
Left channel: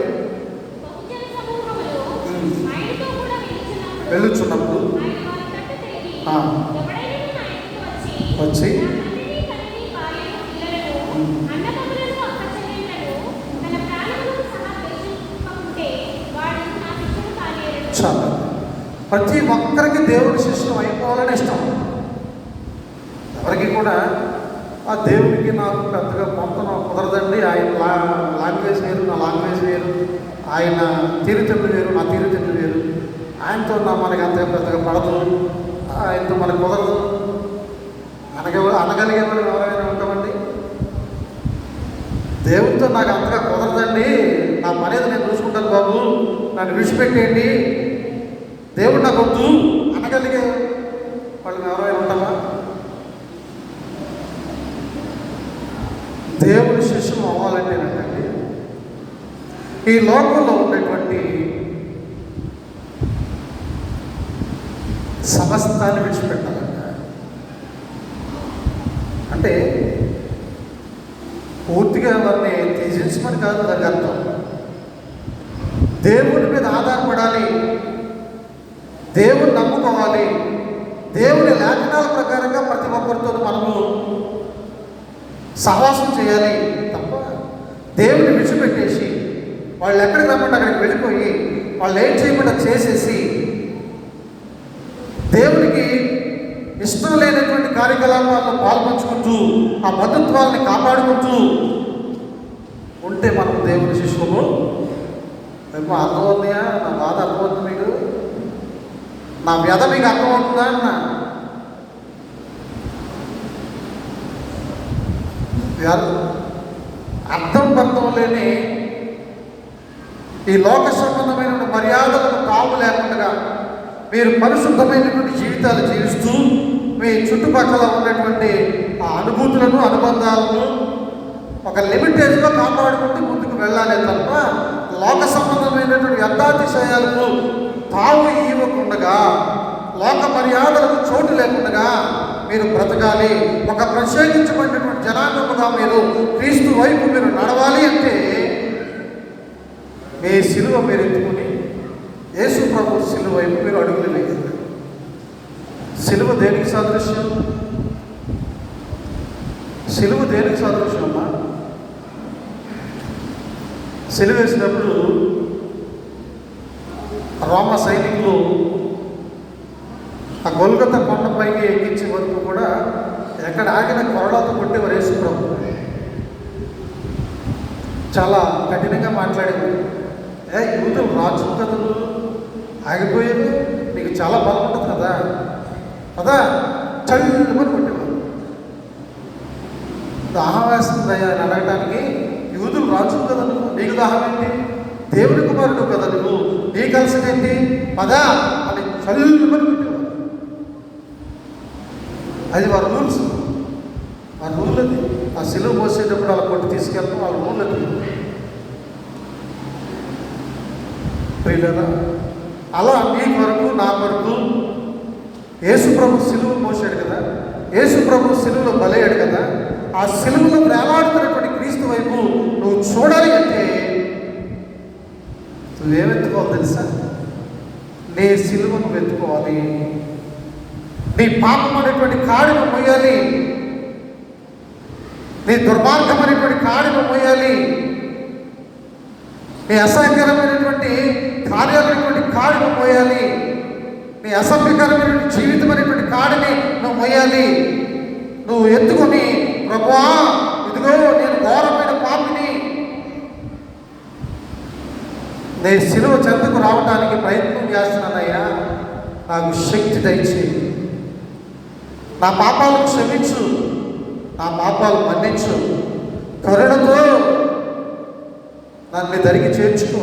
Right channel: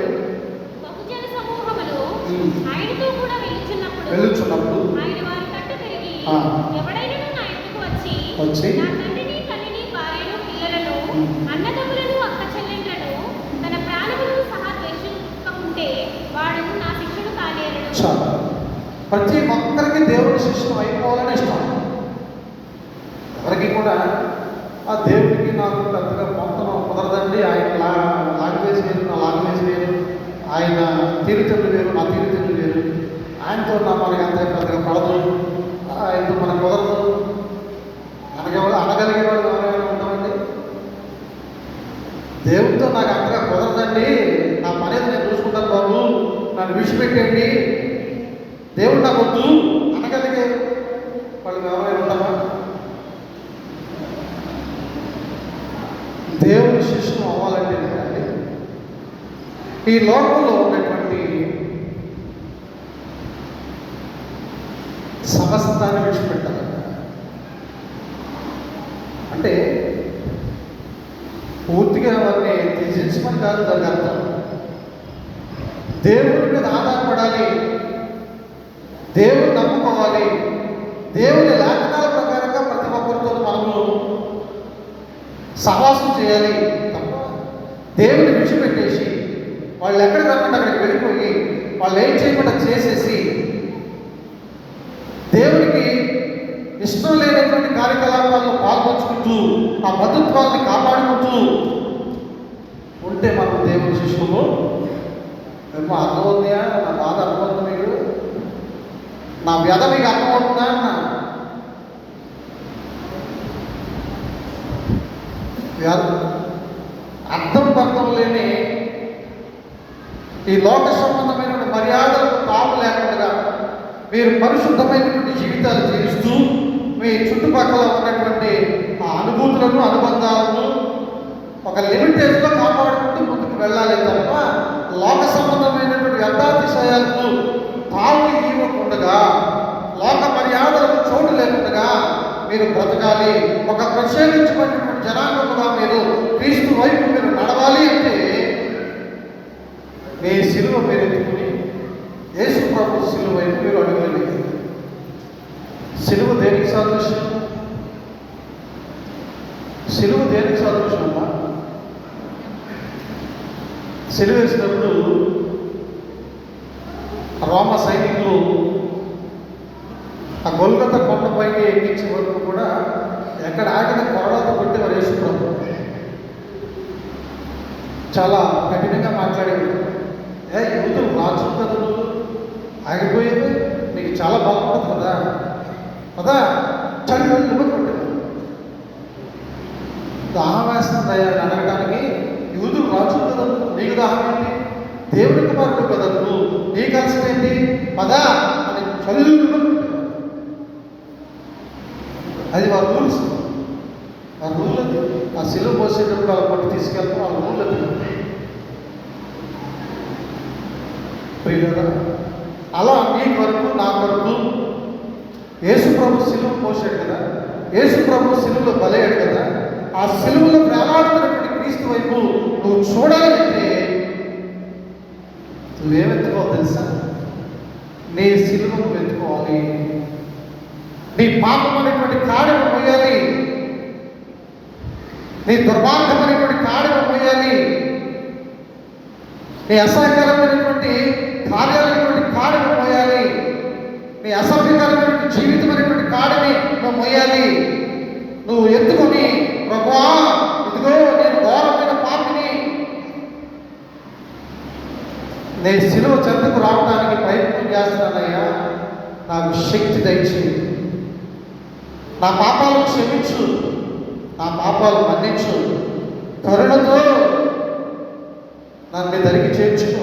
వెళ్ళుచున్నప్పుడు వచ్చి చాలా ప్రతి ఒక్కరికి దేవుని శిష్యులు అయిపోవాలని ఇష్టం. ఎవరికి కూడా ఆ దేవునికి నాకు పెద్దగా పొందడం కుదరదండి. ఆయన లాంగ్వేజ్ వేరు, నా లాంగ్వేజ్ వేరు, ఆయన తీరుతెన్నులు వేరు, నా తీరుతెన్నులు వేరు, ఆయనతో మనకి అంత పెద్దగా పడదు, ఆయనతో మనకు కుదరదు అనగలిగే వాళ్ళు ఎవరైనా ఉంటామండి. దేవుడితో నాకు అంతగా కుదరదండి, నా పని ఏదో నేను చూసుకుంటాను బాబు, నన్ను విడిచిపెట్టేయండి, దేవుడు నాకు వద్దు అనగలిగే వాళ్ళు ఎవరైనా ఉంటారా? దేవుని శిష్యులు అవ్వాలంటే ఏంటంటే ఈ లోకంలో ఉన్నటువంటి సమస్తాన్ని విడిచిపెట్టాలంట. అంటే పూర్తిగా వారిని త్యజించమని కాదు దాని అర్థం. దేవుని మీద ఆధారపడాలి, దేవుని నమ్ముకోవాలి, దేవుని లేఖనాల ప్రకారంగా ప్రతి ఒక్కరితో మనము సహవాసం చేయాలి తప్ప దేవుని విడిచిపెట్టేసి వాళ్ళు ఎక్కడికి రమ్మంటే అక్కడికి వెళ్ళిపోయి వాళ్ళు ఏం చేయకుండా చేసేసి దేవునికి ఇష్టం లేనటువంటి కార్యకలాపాలను పాల్పంచుకుంటూ ఆ బంధుత్వాన్ని కాపాడుకుంటూ ఉంటే మనం దేవుని శిష్యులు. మేము అర్థమవుతాయా? నా బాధ అర్థమవుతుంది మీకు? నా వ్యధ మీకు అర్థమవుతుందా అన్న? అర్థం పర్థం లేని ఈ లోక సంబంధమైనటువంటి మర్యాదలకు తాము లేకుండా మీరు పరిశుద్ధమైనటువంటి జీవితాలు జీవిస్తూ మీ చుట్టుపక్కల ఉన్నటువంటి ఆ అనుభూతులను, అనుబంధాలను ఒక లిమిటేజ్లో కాపాడుకుంటూ ముందుకు వెళ్ళాలి తప్ప లోక సంబంధమైనటువంటి వ్యర్థాతిశయాలకు తాము ఇవ్వకుండా, లోక మర్యాదలకు చోటు లేకుండా మీరు బ్రతకాలి. ఒక ప్రత్యేకించబడినటువంటి జనాంగముగా మీరు క్రీస్తు వైపు మీరు నడవాలి అంటే మీ శిలువ మీరు ఎత్తుకుని యేసు ప్రభు శిలువ వైపు మీరు అడుగులు వేయాలి. శిలువ దేనికి సాదృశ్యం? శిలువ దేనికి సాదృశ్యం? శిలువ వేసినప్పుడు రోమ సైనికులు ఆ గొల్గొతా కొండపైకి ఎక్కించే వరకు కూడా ఎక్కడ ఆగిన కొరడాతో కొట్టి వారు వేసుకున్నాం. చాలా కఠినంగా మాట్లాడేవారు. యూదులు రాజు కదా, నువ్వు ఆగిపోయేది, నీకు చాలా బాగుంటుంది కదా కదా చల్లని కొట్టేవారు. దాహం వేస్తుందయ్యా అని అడగడానికి యూదులు రాజు కదా, నువ్వు నీకు దాహం ఏంటి, దేవుడి కుమారుడు కదా నువ్వు, నీ కలిసి ఏంటి పదా అని చల్లని కొట్టేవారు. అది వారి రూల్స్, ఆ రూల్ అది. ఆ శిలువ పోసేటప్పుడు అలా కొట్టి తీసుకెళ్తాం, ఆ రూల్ అది. ప్రియులారా, అలా మీ కొరకు నా కొరకు యేసు ప్రభు శిలువ పోసాడు కదా, యేసు ప్రభు శిలువలో బలయ్యాడు కదా, ఆ శిలువలో వేలాడుతున్నటువంటి క్రీస్తు వైపు నువ్వు చూడాలి అంటే నువ్వేమెత్తుకోవాలి తెలుసా? నీ శిలువను వెతుకోవాలి. నీ పాపం అనేటువంటి కాడిని పోయాలి, నీ దుర్మార్గమైనటువంటి కాడిని పోయాలి, నీ అసహ్యకరమైనటువంటి కార్యాలైనటువంటి కాడిని పోయాలి, నీ అసభ్యకరమైనటువంటి జీవితం అనేటువంటి కాడిని నువ్వు పోయాలి. నువ్వు ఎత్తుకొని ప్రభువా ఇదిగో నేను ఘోరమైన పాపిని, నీ శిలువ చెంతకు రావడానికి ప్రయత్నం చేస్తున్నానయ్యా, నాకు శక్తి దయచేయి, నా పాపాలను క్షమించు, నా పాపాలు మన్నించు, కరుణతో నన్ను దరికి చేర్చుకో.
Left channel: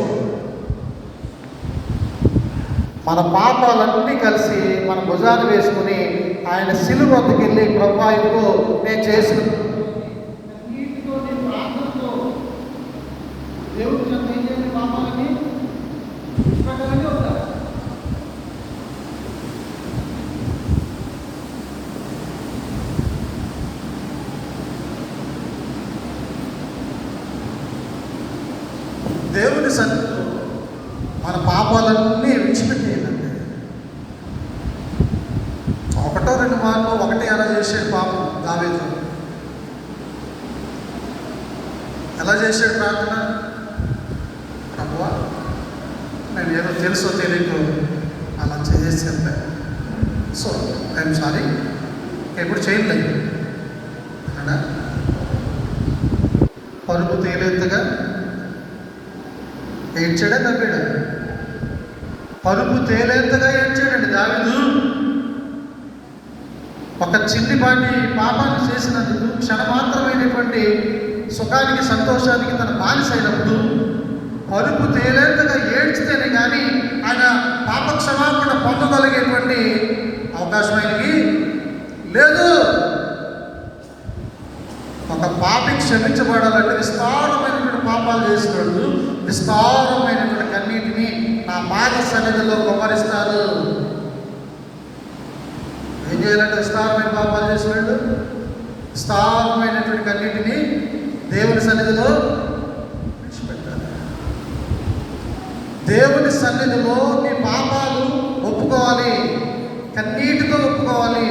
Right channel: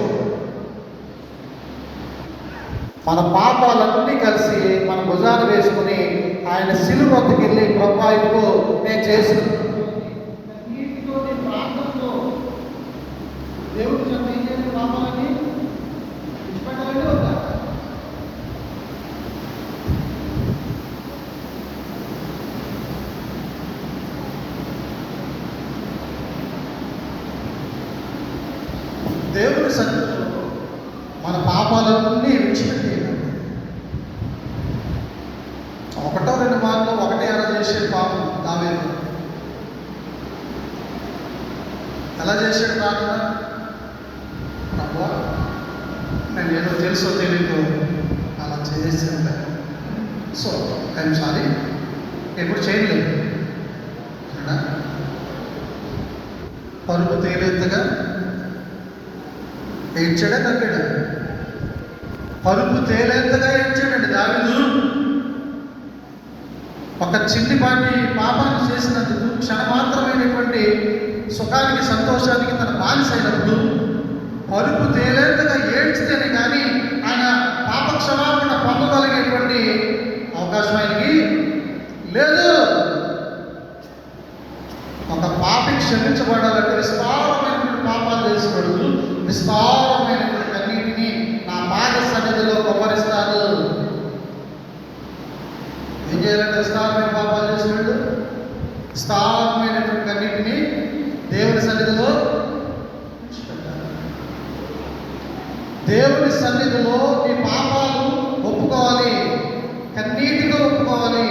మన పాపాలన్నీ కలిసి మన భుజాలు వేసుకుని ఆయన శిలువ దేవుని వద్దకు వెళ్ళి ప్రభా ఇదిగో నేను చేసిన నీటితో నీ ప్రార్థనతో దేవుడి చెంత ఏం చేయాలి? పాపాలని విడిచిపెట్టాలని వద్దా? దేవుని సన్నిధిలో మన పాపాలన్నీ విడిచిపెట్టేయాలండి. ఒకటో రెండు మార్లు ఒకటి ఎలా చేసాడు పాపం దావీదు? ఎలా చేశాడు ప్రార్థన? ప్రభువా నేను ఏదో తెలుసో తెలియదు అలా చేసేసాను, సో ఐఎమ్ సారీ, ఎప్పుడు చేయలేదు అన్నా. పరుపు తేలేంతగా ఏడ్చాడా తగ్గాడా? పరుపు తేలేంతగా ఏడ్చాడండి దావీదు. ఒక చిన్నిపాటి పాపాన్ని చేసినందుకు క్షణమాత్రమైనటువంటి సుఖానికి సంతోషానికి తన బానిసైనప్పుడు పరుపు తేలేంతగా ఏడ్చితేనే కానీ ఆయన పాప క్షమాపణ పొందగలిగేటువంటి అవకాశం ఆయనకి లేదు. ఒక పాపి క్షమించబడాలంటే విస్తారమైనటువంటి పాపాలు చేసినాడు, విస్తారమైనటువంటి కన్నీటిని నా పాద సన్నిధిలో కుమ్మరిస్తారు. ఏం చేయాలంటే విస్తారమైన పాపాలు చేసినాడు, విస్తారమైనటువంటి కన్నీటిని దేవుని సన్నిధిలో విడిచిపెట్టాలి. దేవుని సన్నిధిలో నీ పాపాలు ఒప్పుకోవాలి, కన్నీటితో ఒప్పుకోవాలి.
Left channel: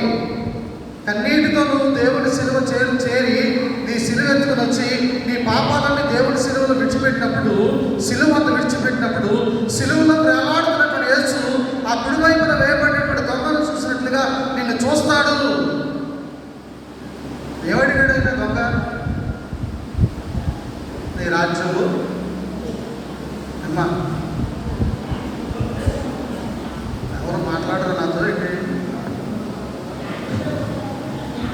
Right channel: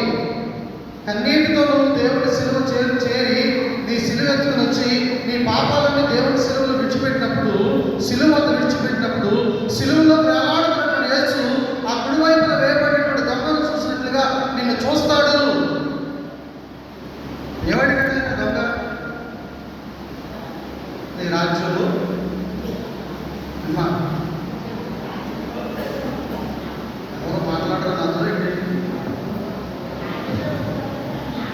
కన్నీటితో నువ్వు దేవుని సిలువ చేరి నీ సిలువ ఎత్తుకుని వచ్చి నీ పాపాలన్నీ దేవుని సిలువలో విడిచిపెట్టినప్పుడు, సిలువ విడిచిపెట్టినప్పుడు సిలువలో వేలాడుతున్నటువంటి యేసు ఆ కుడివైపున వేయబడినటువంటి దొంగను చూసినట్లుగా నిన్ను చూస్తాడు. ఏమడిగాడు ఆయన దొంగ? నీ రాజ్యంలో అమ్మా ఎవరు మాట్లాడరు నాతో ఏంటి?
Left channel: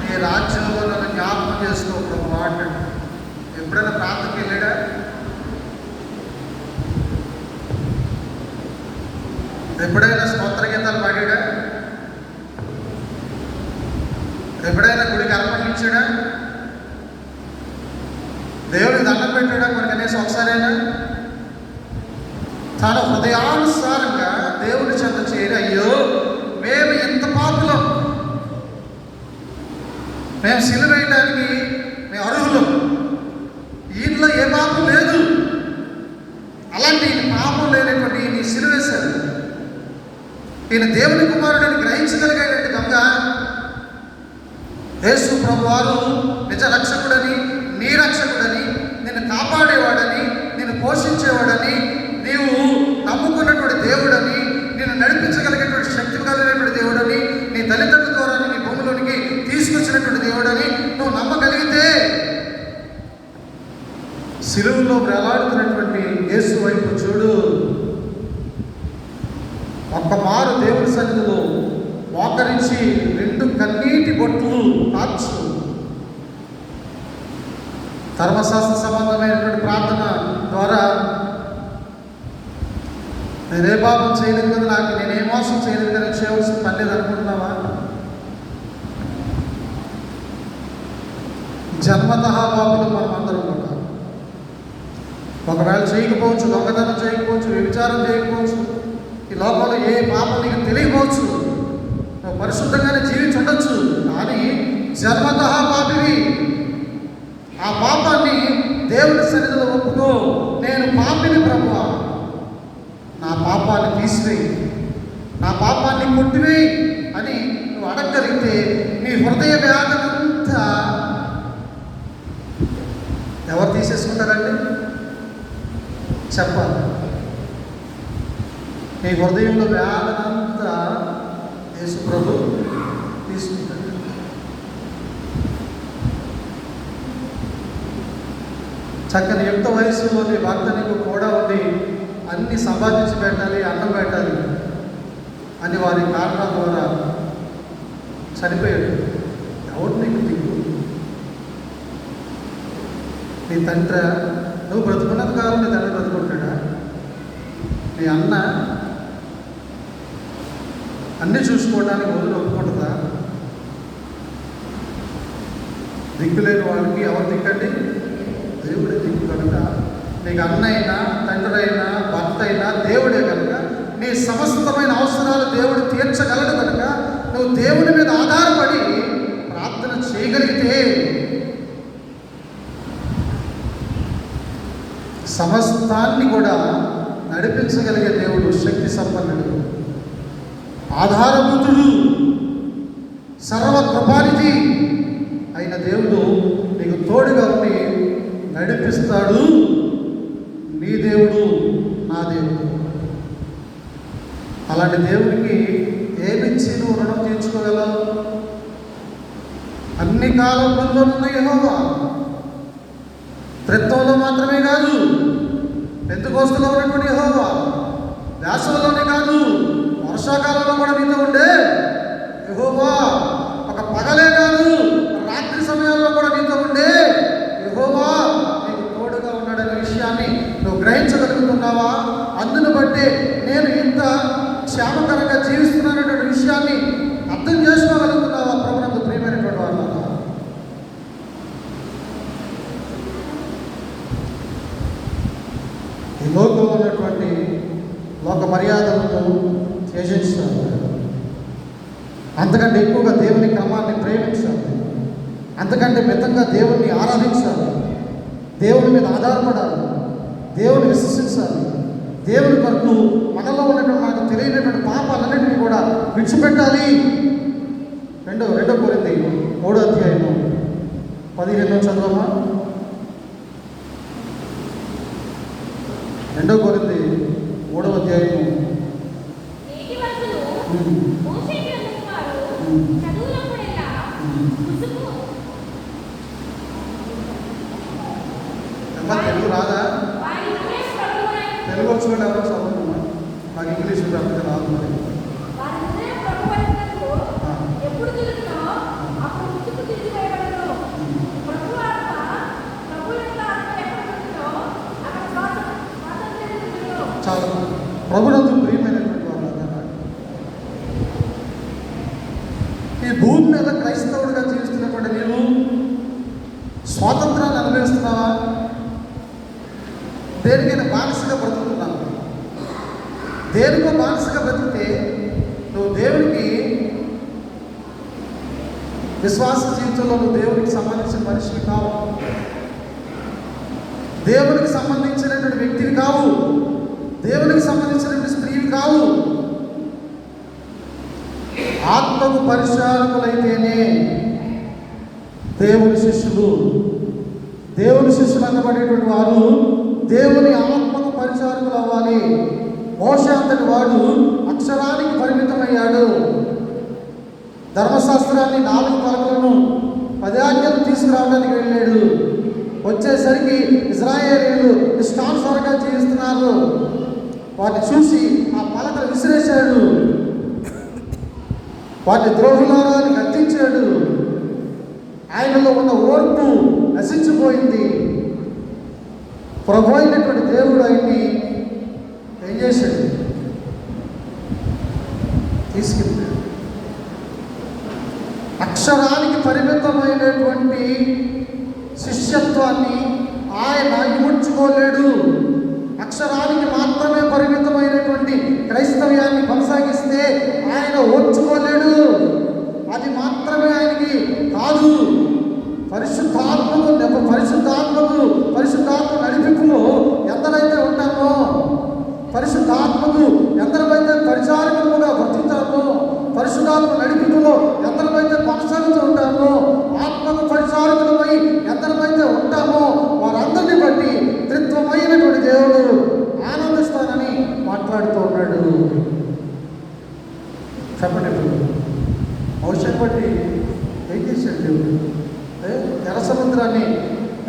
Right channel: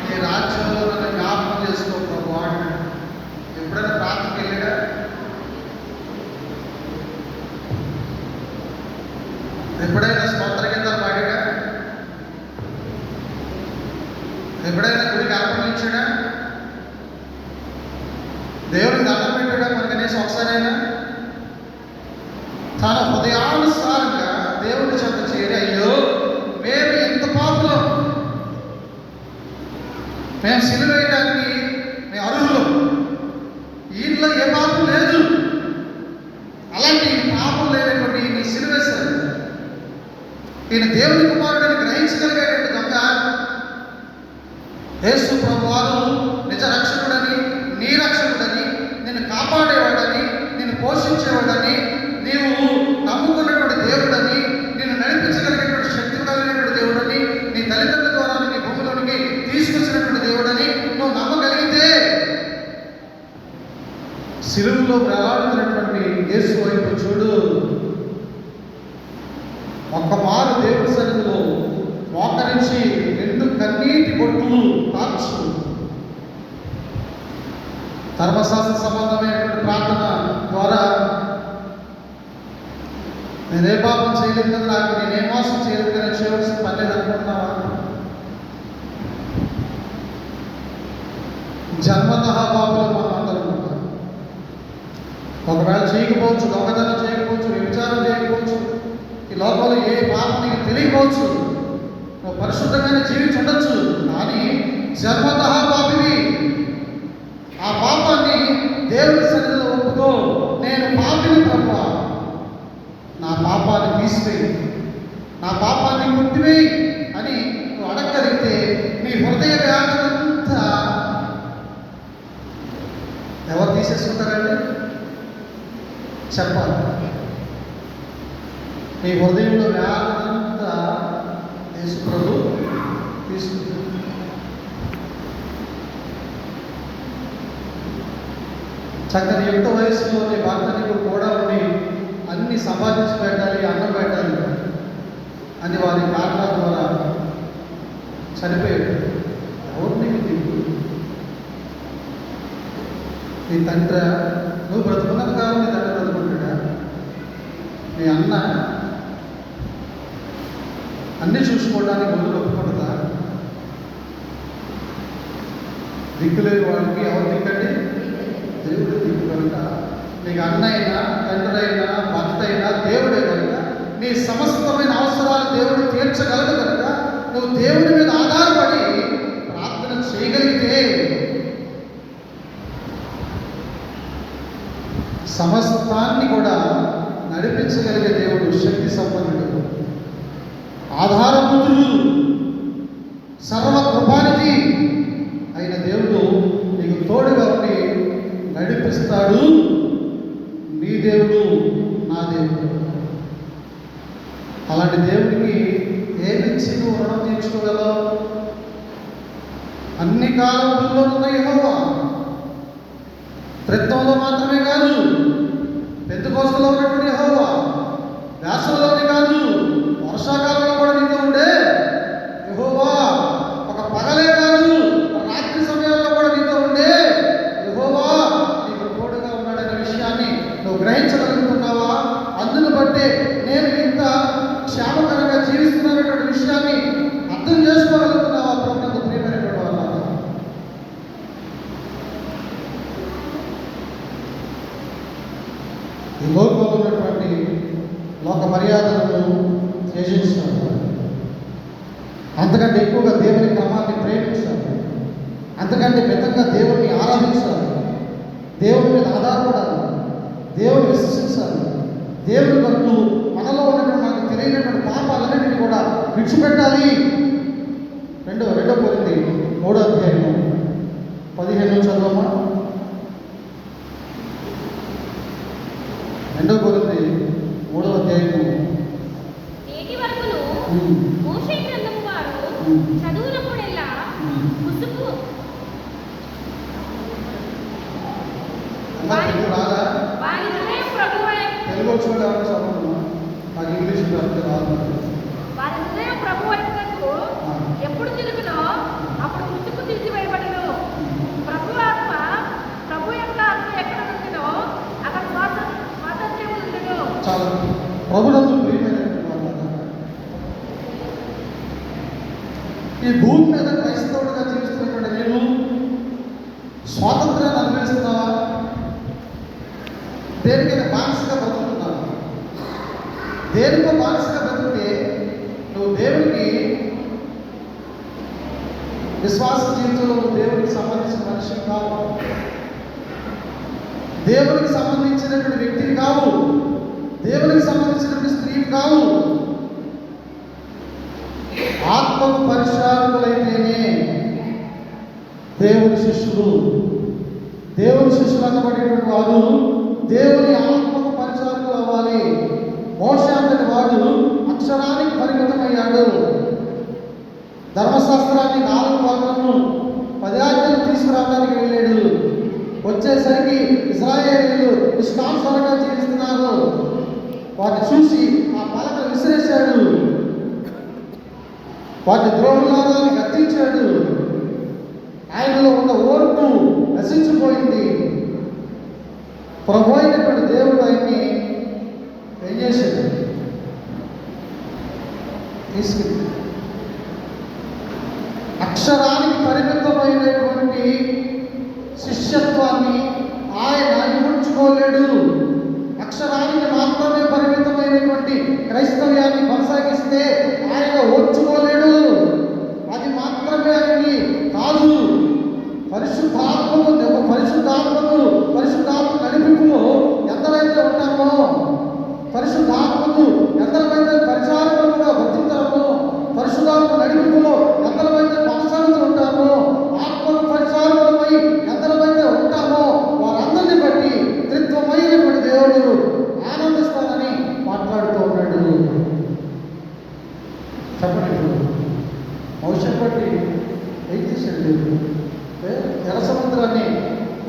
నీ రాజ్యంలో నన్ను జ్ఞాపకం చేసుకోవడం మాట. ఎప్పుడైనా ప్రాంతంకి వెళ్ళాడా? ఎప్పుడైనా స్తోత్ర గీతాలు పాడాడా? ఎప్పుడైనా గుడికి అర్పణలు ఇచ్చాడా? దేవుడికి దండం పెట్టాడా? మనకు అనేసి ఒకసారైనా తన హృదయానుసారంగా దేవుడి చెంత చేరి, అయ్యో మేము ఎంత పాపులం, మేము సిలువ వేయడానికి మేము అర్హులం, ఇంట్లో ఏ పాపం లేదు, అలాంటి పాపం లేనటువంటి నీ సిలువ వేశారు. ఈయన దేవుని కుమారుడిని గ్రహించగలిగేటువంటి దొంగ యేసు ప్రభువారు నిజ రక్షకుడని, నీ రక్షకుడని, నిన్ను కాపాడేవాడని, నిన్ను పోషించేవాడని, నీవు నమ్ముకున్నటువంటి దేవుడని, నిన్ను నడిపించగలిగేటువంటి శక్తి కలిగినటువంటి దేవుడని, నీ తల్లిదండ్రుల ద్వారా నీ భూమిలోనికి తీసుకొచ్చినటువంటి దేవుడని నువ్వు నమ్మగలిగితే సిలువలో వేలాడుతున్నటువంటి యేసు వైపు చూడు. ఒక్క మారు దేవుని సన్నిధిలో మోకరించి రెండు కన్నీటి బొట్లు కాచు. ధర్మశాస్త్ర సంబంధమైనటువంటి ప్రార్థన ద్వారా నేనే పాపం చేయలేదు కదా, నాకు నేనే మోసం చేయలేదు కదా, చేయవలసిన పని లేదనుకుంటున్నావా? జన్మతః పాపులు మనమందరం ఉంటాం. ఒకవేళ చేయకపోవచ్చు, దొంగతనం చేయకపోవచ్చు, వ్యభిచారం చేయకపోవచ్చు, ఈ లోకంలో ఏ పాపం నీకు తెలియకపోవచ్చు, నువ్వు పరిశుద్ధంగానే జీవించి ఉండొచ్చు, కానీ జన్మతః పాపివి. ఆ పాపాన్ని దేవుని సన్నిధిలో ఒప్పుకో. నేను పాపిని ప్రభువా, నా పాపాన్ని తీసివేయి, నా పాపాన్ని కొట్టివేయి అని నువ్వు అడగగలిగితే నీ హృదయ వ్యాధనంతా ఎవరు తీసేసుకుంటారండి? చెప్పాలి. నీ హృదయంలో వ్యాధనంతా యేసు ప్రభు తీసుకుంటాడు. చక్కని యుక్త వయసులో నీ భర్త నీకు కూడా ఉండి అన్ని సంపాదించి పెట్టాలి, అన్నం పెట్టాలి అని వారి కారణాల ద్వారా చనిపోయాడు. ఎవరు నీకు దిక్కు? నీ తండ్రి, నువ్వు బ్రతుకున్నంత కాలం నీ తండ్రి బ్రతుకుంటాడా? నీ అన్న అన్నీ చూసుకోవడానికి ముందు ఒప్పుకుంటుందా? దిక్కులేని వాడికి ఎవరు దిక్కండి? దేవుడే దిక్కు కనుక నీకు అన్నైనా తండ్రి అయినా భర్త అయినా దేవుడే కనుక నీ సమస్తమైన అవసరాలు దేవుడు తీర్చగలడు కనుక నువ్వు దేవుని మీద ఆధారపడి ప్రార్థన చేయగలిగితే సమస్తాన్ని కూడా నడిపించగలిగే దేవుడు, శక్తి సంపన్నుడు, ఆధారభూతుడు, సర్వకృపానిధి అయిన దేవుడు నీకు తోడుగా ఉండి నడిపిస్తాడు. నీ దేవుడు నా దేవుడు. అలాంటి దేవుడికి ఏమిచ్చి నువ్వు రుణం తీర్చుకోగలవు? అన్ని కాలంలో ఉన్న యెహోవా, త్రిత్వంలో మాత్రమే కాదు, పెంతెకోస్తులో ఉన్నటువంటి యెహోవా, వేసవిలోనే కాదు వర్షాకాలంలో కూడా నీతో ఉండే యెహోవా, ఒక పగలే కాదు రాత్రి సమయాల్లో కూడా నీతో ఉండే యెహోవా నీకు తోడుగా ఉన్నాడనే విషయాన్ని నువ్వు గ్రహించగలుగుతున్నావా? అందును బట్టి నేను ఇంత క్షేమకరంగా జీవిస్తున్నానటువంటి విషయాన్ని అర్థం చేసుకోగలుగుతున్నావా? ప్రభునందు ప్రియమైనటువంటి వాళ్ళ, ఈ లోకంలో ఉన్నటువంటి లోక మర్యాదలను త్యజించాలి, అంతకంటే ఎక్కువగా దేవుని క్రమాన్ని ప్రేమించాలి, అంతకంటే మితంగా దేవుణ్ణి ఆరాధించాలి, దేవుని మీద ఆధారపడాలి, దేవుని విశ్వసించాలి, దేవుని కొరకు మనలో ఉన్నటువంటి మనకు తెలియనటువంటి పాపాలన్నింటినీ కూడా విడిచిపెట్టాలి. రెండో కొరింథీ 3వ అధ్యాయము 15 చదవమా. 2 కొరింథీ 3వ అధ్యాయము. తెలుగు రాదా? తెలుగు వచ్చిన ఎవరు చదువుకున్నా? నాకు ఇంగ్లీష్ రాదు. ఎప్పుడు తెలుగునో అప్పుడు ముసుగు తీసివేయబడును. ప్రభు ఆత్మ ప్రభు యొక్క ఆత్మ ఎక్కడ ఉంటుందో అక్కడ స్వాతంత్ర్యం ఉండును. చాలా ప్రభునందు ప్రియమైనటువంటి వాళ్ళ, ఈ భూమి మీద క్రైస్తవుడిగా జీవిస్తున్నటువంటి నేను స్వాతంత్రాన్ని అనుభవిస్తున్నావా? దేనికైనా బానిసగా బ్రతుకుతున్నావా? దేనికో బానిసగా బ్రతికితే నువ్వు దేవునికి విశ్వాస జీవితంలో నువ్వు దేవునికి సంబంధించిన మనిషిని కావు, దేవునికి సంబంధించినటువంటి వ్యక్తిని కావు, దేవునికి సంబంధించినటువంటి స్త్రీని కావు. ఆత్మకు పరిచారకులైతేనే దేవుని శిష్యులు. దేవుని శిష్యులు అనబడేటువంటి వారు దేవుని ఆత్మకు పరిచారకులు అవ్వాలి. మోషే అంతటి వాడు అక్షరానికి పరిమితమయ్యాడు. ధర్మశాస్త్రాన్ని 4 భాగాలను 10 ఆజ్ఞలు తీసుకురావడానికి వెళ్ళాడు. వచ్చేసరికి ఇశ్రాయేలీయులు ఇష్టానుసారంగా జీవిస్తున్నారు. వాటిని చూసి ఆ పలకలు విసిరేశాడు, వాటిని ద్రోహులారాన్ని గద్దించాడు. ఆయనలో ఉన్న ఓర్పు నశించిపోయింది. ప్రభు అయినటువంటి దేవుడు ఆయన్ని ఏం చేశాడు? తీసుకెళ్ళాడు. అక్షరానికి పరిమితమైనటువంటి శిష్యత్వాన్ని ఆయన ఇముడ్చుకోలేడు. అక్షరానికి మాత్రమే పరిమితమైనటువంటి క్రైస్తవ్యాన్ని కొనసాగిస్తే ఆయన ఓర్చుకోలేడు. అది మాత్రమే ఆయనకి కాదు. పరిశుద్ధాత్మ నడిపింపులో ఎందరైతే ఉంటామో, పరిశుద్ధాత్మకు ఎందరైతే పరిచారకులుగా వర్తించామో, పరిశుద్ధాత్మ నడిపింపులో ఎందరైతే కొనసాగుతూ ఉంటామో, ఆత్మకు పరిచారకులమై ఎందరైతే ఉంటామో వారందరినీ బట్టి త్రిత్వమైనటువంటి దేవుడు ఆనందిస్తానని మాట్లాడుతూ ఉన్నాడు. చెప్పండి, భవిష్యత్తు బట్టి ఏం చేశాడు దేవుడు?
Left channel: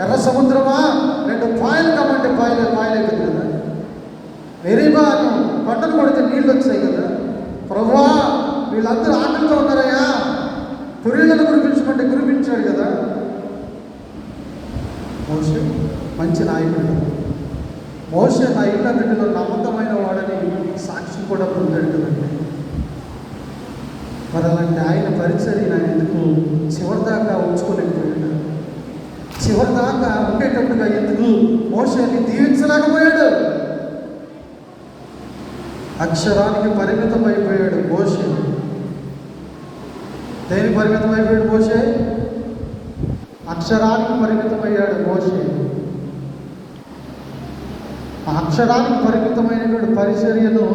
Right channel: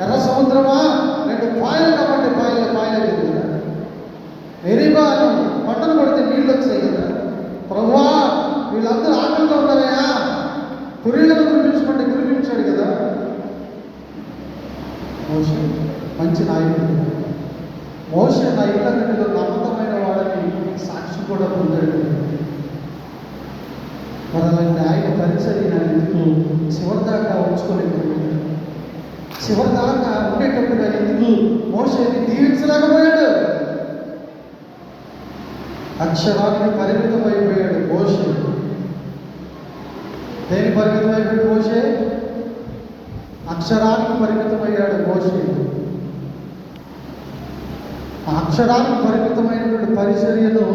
ఎర్ర సముద్రమా 2 పాయలు కాబట్టి పాయలు అవుతుంది కదా. మెరీబా పంటలు పడితే నీళ్ళు వచ్చాయి కదా. ప్రభువా వీళ్ళందరూ ఆకలితో ఉన్నారయ్యా, తురిళ్లను కురిపించుకుంటే కురిపించాడు కదా. మోషే మంచి నాయకుడు. మోషే నా ఇళ్ళన్నిటిలో నమ్మకమైన వాడని సాక్షి కూడా పొందాడు కదా. మరి అలాంటి ఆయన పరిచర్య ఎందుకు చివరిదాకా ఉంచుకోలేకపోయాడు? చివరి దాకా ఉండేటట్టుగా ఎందుకు మోషేని దీవించలేకపోయాడు? అక్షరానికి పరిమితం అయిపోయాడు మోషే. దేని పరిమితం అయిపోయాడు మోషే? అక్షరానికి పరిమితమయ్యాడు మోషే. ఆ అక్షరానికి పరిమితమైనటువంటి పరిచర్యను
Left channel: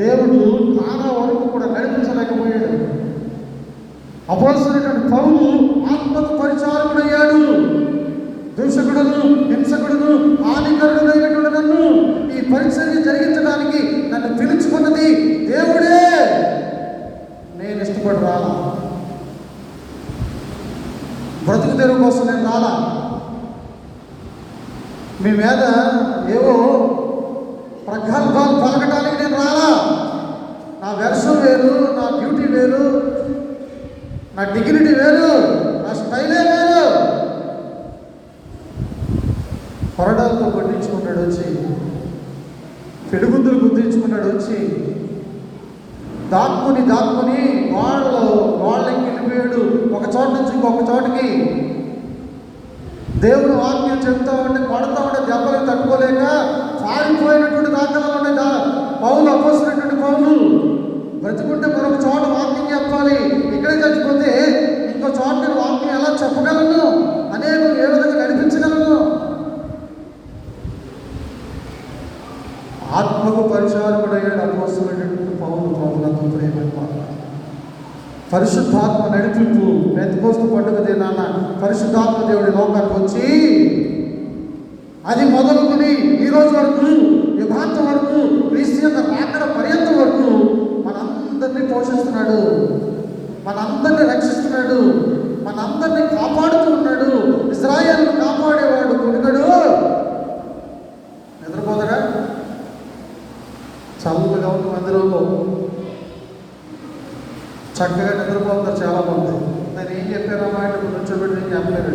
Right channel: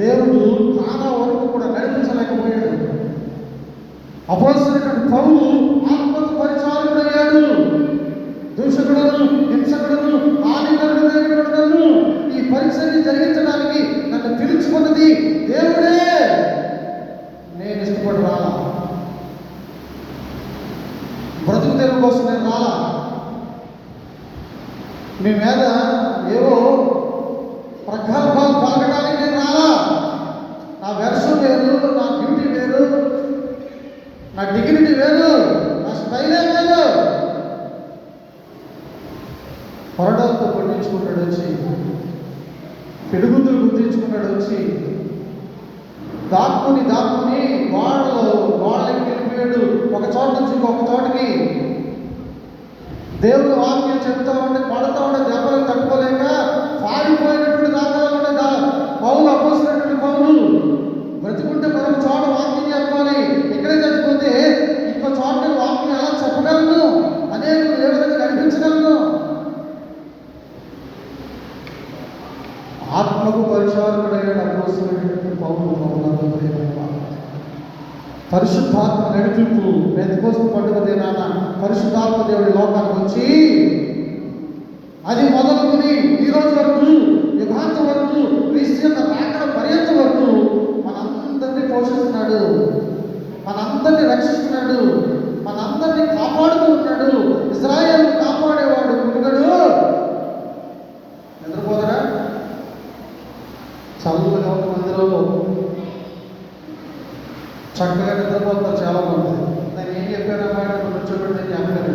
దేవుడు కానా వరకు కూడా నడిపించలేకపోయాడు. అపోస్తలుడైనటువంటి పౌలు ఆత్మకు పరిచారకుడయ్యాడు. దూషకుడును, హింసకుడును, హానికరుడైనటువంటి నన్ను ఈ పరిచర్య జరిగించడానికి నన్ను పిలుచుకున్నది దేవుడే. నేను ఇష్టపడి రాలా, బ్రతుకు తెరువు కోసం నేను రాలా. మీ మీద ఏవో ప్రగల్భాలు పలకడానికి నేను రాలా. నా వెర్షం వేరు, నా డ్యూటీ వేరు, నా డిగ్నిటీ వేరు, నా స్టైలే వేరు. కొరడాలతో పండించుకున్నాడు వచ్చి, పిడుగుద్దులు గుర్తించుకున్నాడు వచ్చి, దాక్కుని వాళ్ళకి వెళ్ళిపోయాడు. ఒక చోట నుంచి ఇంకొక చోటకి దేవుడు వాక్యం చెప్తా ఉంటే కొడతా ఉంటే దెబ్బలకు తట్టుకోలేక పారిపోయినటువంటి దాఖలా ఉండే పౌలు, అపోస్తలుడైనటువంటి పౌలు. బ్రతుకుంటే మరొక చోట వాక్యం చెప్పాలి, ఇక్కడే చచ్చిపోతే ఇంకో చోట వాక్యం ఎలా చెప్పగలను, అనేక ఏ విధంగా నడిపించగలను. ఆత్మకు పరిచారకుడయ్యాడు అపోస్తలుడైనటువంటి పౌలు. ప్రభువుతో ప్రియమైన పరిశుద్ధాత్మ నడిపింపు. పెంతెకోస్తు పండుగ దినాన పరిశుద్ధాత్మ దేవుడి లోకానికి వచ్చి అది మొదలుకొని ఈ రోజు వరకు, యుగాంతం వరకు, క్రీస్తు రాకడ పర్యంతం వరకు మనందరినీ పోషిస్తున్నాడు, మనందరినీ రక్షిస్తున్నాడు, మనందరినీ కాపాడుతూ ఉన్నాడు. ఇజ్రాయేల్ కాపాడేవాడు కొడుకడు. నిద్రపోదరా? చదువుగా ఉన్న మందిలో చక్కగా నిద్రపోతారు చాలా మంది. నేను ఏం చెప్పారమ్మా అంటే కూర్చోబెట్టి చెప్పారు.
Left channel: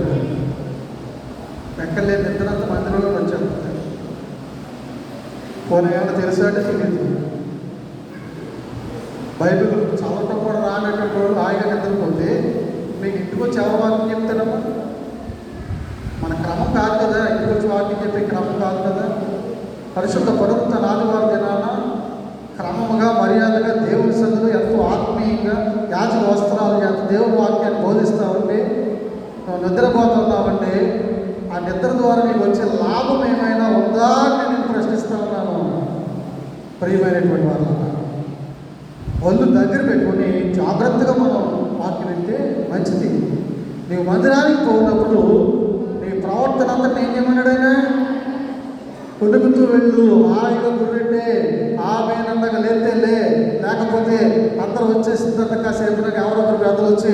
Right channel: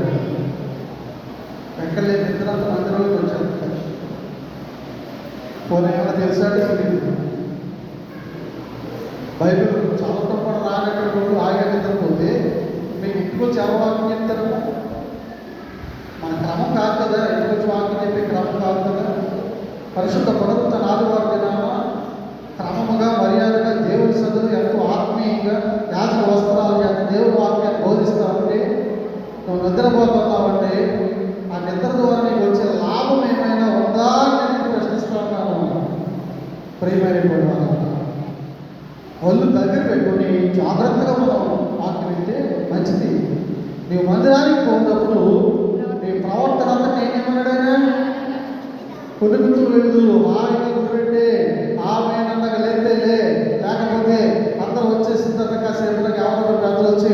ఎక్కడలేదు నిద్ర అంత మందిలో వచ్చాను. పోనీ ఏమైనా తెలుసా అంటే తెలియదు. బైబిల్ చదవటం కూడా రానటువంటి వాళ్ళు హాయిగా నిద్రపోతే మీకు ఇంటికి వచ్చి ఎవరు వాక్యం చెప్తారు? మన క్రమం కాదు కదా, ఇంటికి వచ్చి వాక్యం చెప్పే క్రమం కాదు కదా. పరిశుద్ధ పునరుత్థాన ఆదివారం దినాన క్రమముగా, మర్యాదగా దేవుని సన్నిధిలో ఎంతో ఆత్మీయంగా యాజక వస్త్రాలు చేత దేవుని వాక్యాన్ని బోధిస్తూ ఉంటే నువ్వు నిద్రపోతున్నావంటే ఆ నిద్ర ద్వారా నీకు వచ్చే లాభం ఏమైనా ఉందా అని నేను ప్రశ్నిస్తా ఉన్నాను. ప్రియమైనటువంటి వాళ్ళు ఒళ్ళు దగ్గర పెట్టుకుని జాగ్రత్తగా మనం వాక్యం వింటే మంచిది. నీవు మందిరానికి పోయినప్పుడు నీ ప్రవర్తన అంతా నేనేమన్నాడైనా కొడుకుతూ వెళ్ళు, హాయిగా గుర్రెట్టే, ఆమె నన్నగా లేతే లేకపోతే అందరూ వచ్చేసిన తర్వాత కాసేపు ఎవరొకరు పెద్దలు వచ్చి